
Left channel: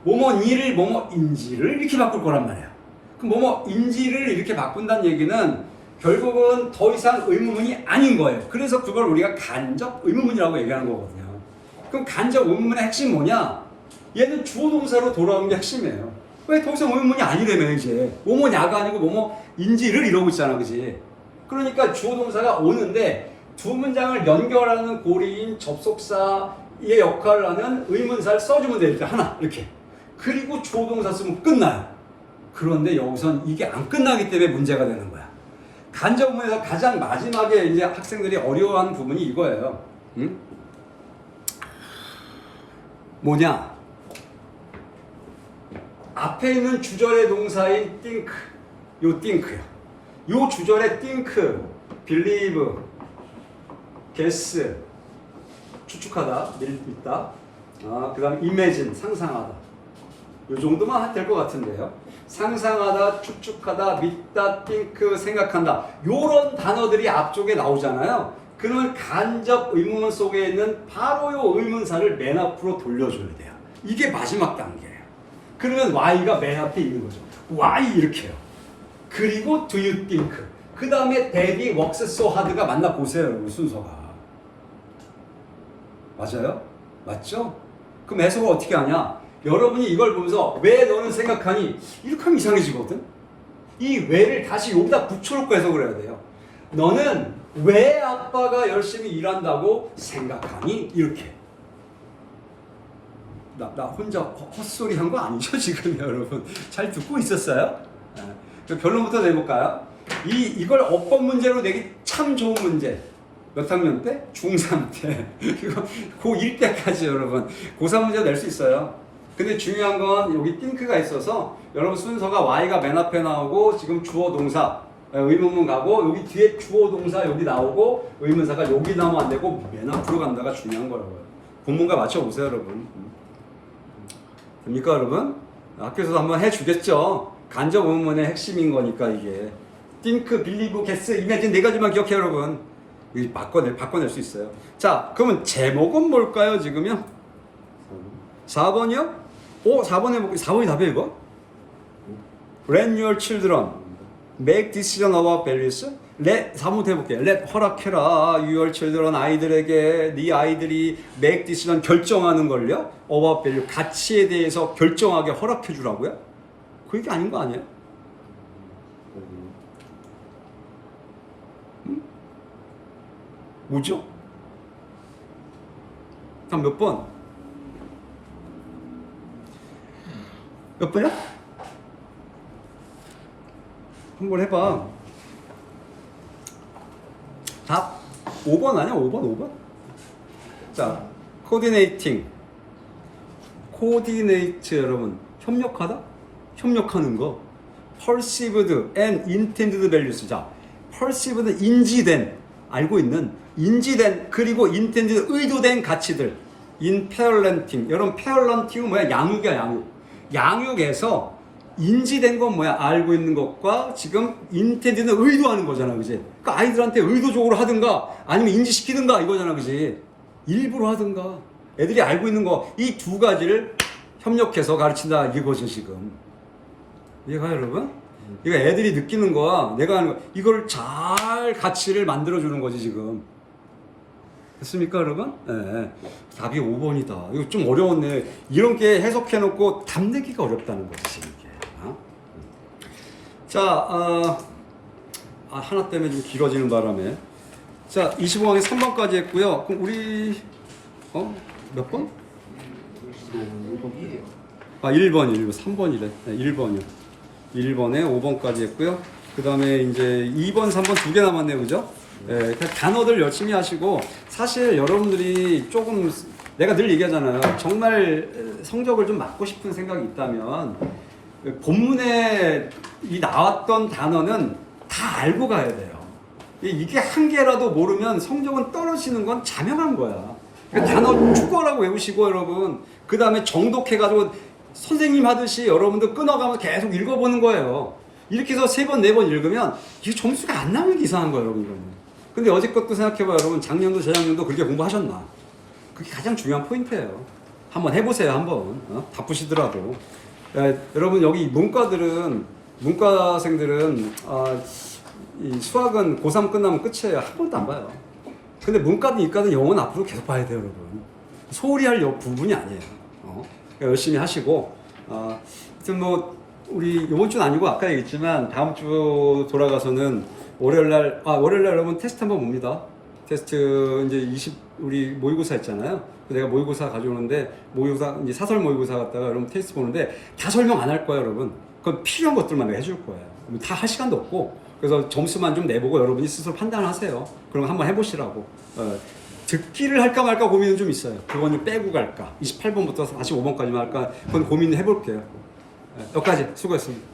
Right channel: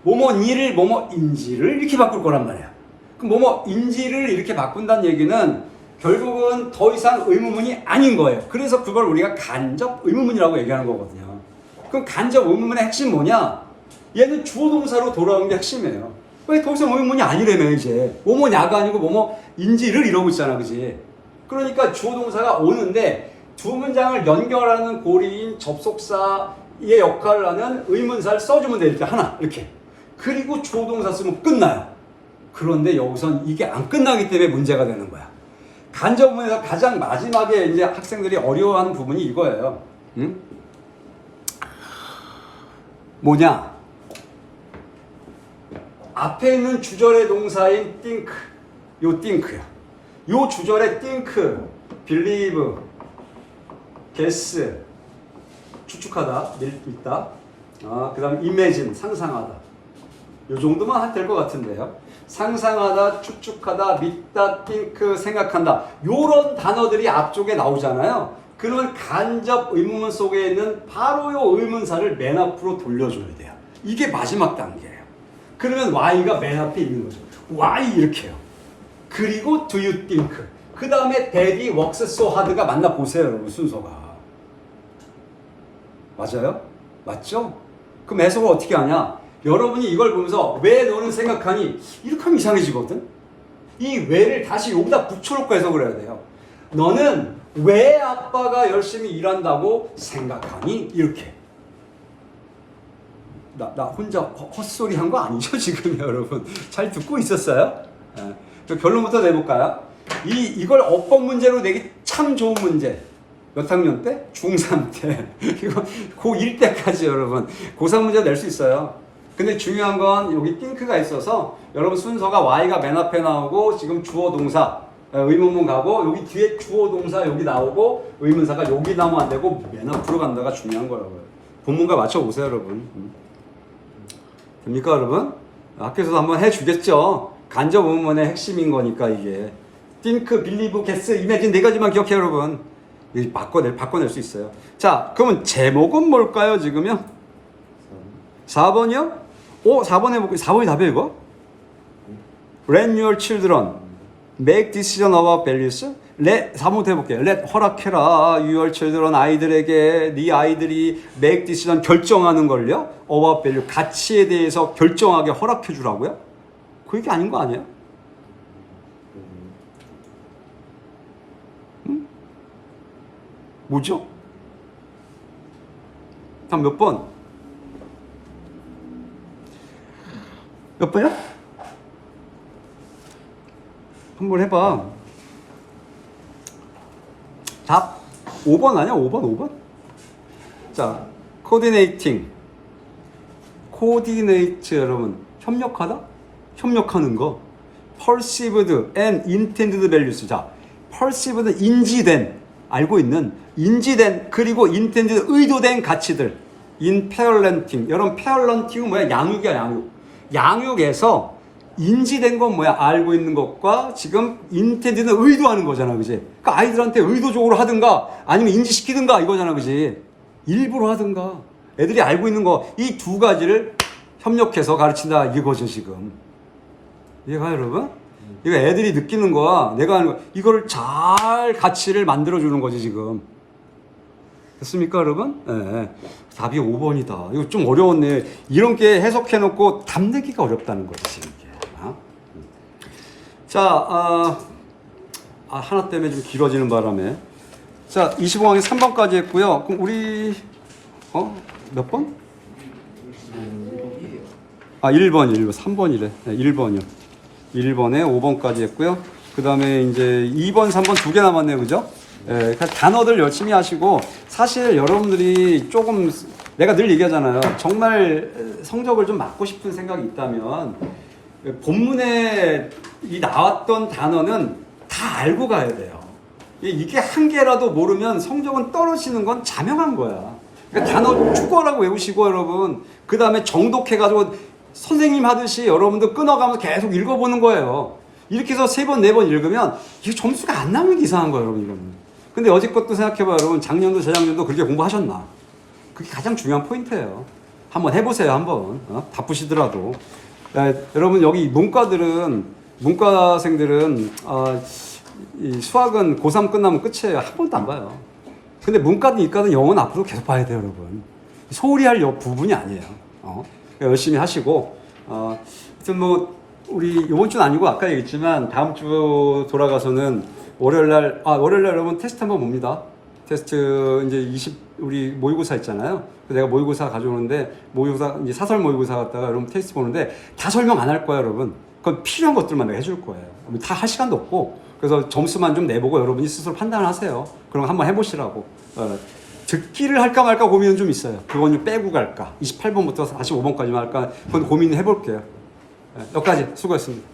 뭐뭐니를 뭐뭐인지를 이렇게 바꿀 거란 말이야. 그럼 뭐뭐인지를 이렇게 바꾼다는 얘기는 결국은 더 이상 의문문이 아닌 거예요. 그래서 그걸 우리가 간접 의문문이라고 얘기하는 거거든요. 그럼 간접 의문문의 핵심 뭐냐? 얘는 주어 동사로 돌아오는 게 핵심이에요. 왜 더 이상 의문문이 아니라며 이제. 뭐뭐냐가 아니고 뭐뭐인지를 이러고 있잖아. 그지? 그러니까 주어 동사가 오는데 두 문장을 연결하는 고리인 접속사의 역할을 하는 의문사를 써주면 돼. 이렇게 하나 이렇게. 그리고 주어 동사 쓰면 끝나요. 그런데 여기선 이게 안 끝나기 때문에 문제가 되는 거야. 간접 의문에서 가장 마지막에 이제 학생들이 어려워하는 부분이 이거예요. 응? 뭐냐? 앞에 있는 주절의 동사인 think, 요 think야. 요 주절의 think, believe, guess, 추측하다, 믿다. 그 다음 imagine, 상상하다. 요 정도만 될 것 같은데요. 상상하다, 추측하다, 믿다, think, 생각한다. 요런 단어들이 앞쪽에 나오잖아요. 그러면 간접 의문문 속에 있는 바로 요 의문사를 맨 앞으로 돌려줘야 돼요. 이게 마지막 단계예요. 그러면 Y가 맨 앞에 있는 거죠. Y 이렇게요. 그리고 do you think? 그 다음에 Daddy works so hard가 맞나 보세요, 여러분. 순서가. 맞아요? 맞죠? 그럼 해석을 어떻게 하냐? 여러분이 이걸 보면서 왜 너는 생각하니? 이렇게 하면 이상해지거든? 이 왜를 다시 여기다 붙여놓고 해석을 해야 돼요. 너는 왜 아빠가 열심히 일한다고 생각하니? 이렇게. 나 혼자 헛소리 한 거 아니죠, 지금 여러분? 잘 듣고 있었어요? 네. 결론부터 내볼까요? 이걸 어법 문제로 내기 참 좋은 문제. 몇 학년 때? 중3 때. 이거 고1 때까지 여러분. 고3 문제 낼 수 있어요. 근데 중요한 건 여기 think가 있어서 여러분 순서가 Y가 맨 앞에 나오고 지금 주어 동사 의문문 가고 여기 뒤에 주어 동사 여기 나오고 의문사가 여기 나오면 안 되고 맨 앞으로 간다가 중요한 거라고요. 본문과 맞춰보세요, 여러분. 됩니까, 여러분? 학교에서도 한번 해주겠죠. 간접 의문문의 핵심인 거니까 이게. think, believe, guess, imagine 네 가지만 기억해요, 여러분. 이거 바꿔낼 수 있어요. 자, 그러면 제목은 뭘까요, 지금요? 4번이요? 4번 해볼게요. 4번이 답이에요, 이거? Let your children make decision about values. 4번부터 해볼게요. Let 허락해라. Your children 아이들에게 네 아이들이 make decision 결정하는 걸요. About value 가치에 대해서 결정하게 허락해 주라고요? 그게 아닌 거 아니에요? 뭐죠? 다음 몇 번? 몇 번이야? 한번 해봐. 답 5번 아니야? 5번? 자, coordinating. coordinate 여러분 협력하다? 협력하는 거. perceived and intended values. 자, perceived 인지된 알고 있는 인지된 그리고 intended 의도된 가치들. in parenting. 여러분 parenting은 뭐야? 양육이야, 양육. 양육에서 인지된 건 뭐야? 알고 있는 것과 지금 intended는 의도하는 거잖아, 그지? 그러니까 아이들한테 의도적으로 하든가 아니면 인지시키든가 이거잖아, 그지? 일부러 하든가 애들이 알고 있는 거 이 두 가지를 협력해서 가르친다 이거죠, 지금. 이해가요, 여러분? 이거 애들이 느끼는 거야. 내가 하는 거 이걸 잘 가치를 만들어 주는 거지, 지금. 됐습니까, 여러분? 네. 답이 5번이다. 이거 좀 어려웠네. 이런 게 해석해놓고 답 내기가 어렵다는 거지, 지금 이게. 자, 하나 때문에 좀 길어지는 바람에. 자, 25강이 3번까지 했고요. 그럼 우리, 몇 번? 1번. 3번이래. 네, 1번이요. 1번에 5번까지 했고요. 그 다음에 이제 2번, 3번 두 개 남았네요. 그죠? 예, 단어들 열심히 하시고, 사실 여러분들이 조금, 내가 늘 얘기하잖아요. 정말 성적을 좀 맞고 싶은 생각이 있다면, 본문에 이 나왔던 단어는 다 알고 가야 돼요. 이게 한 개라도 모르면 성적은 떨어지는 건 자명한 거야. 그러니까 단어 축구하라고 외우시고 여러분 그 다음에 정독해가지고 선생님 하듯이 여러분들 끊어가면서 계속 읽어보는 거예요. 이렇게 해서 3번, 4번 읽으면 이게 점수가 안 나오는 게 이상한 거예요, 여러분. 이거는. 근데 여지껏도 생각해봐요, 여러분. 작년도 재작년도 그렇게 공부하셨나? 그게 가장 중요한 포인트예요. 한번 해보세요, 한번. 바쁘시더라도. 여러분 여기 문과생들은 이 수학은 고3 끝나면 끝이에요. 한 번도 안 봐요. 근데 문과든 이과든 영어는 앞으로 계속 봐야 돼요, 여러분. 소홀히 할 부분이 아니에요. 그러니까 열심히 하시고, 하여튼 뭐, 우리 이번 주는 아니고 아까 얘기했지만 다음 주 돌아가서는 월요일날 여러분 테스트 한번 봅니다. 테스트 이제 우리 모의고사 있잖아요. 내가 모의고사 가져오는데 모의고사 이제 사설 모의고사 갖다가 여러분 테스트 보는데 다 설명 안 할 거야, 여러분. 그건 필요한 것들만 내가 해줄 거예요. 다 할 시간도 없고 그래서 점수만 좀 내보고 여러분이 스스로 판단하세요. 그럼 한번 해보시라고. 듣기를 할까 말까 고민은 좀 있어요. 그건 좀 빼고 갈까. 28번부터 45번까지만 할까. 그건 고민을 해볼게요. 여기까지 수고했습니다.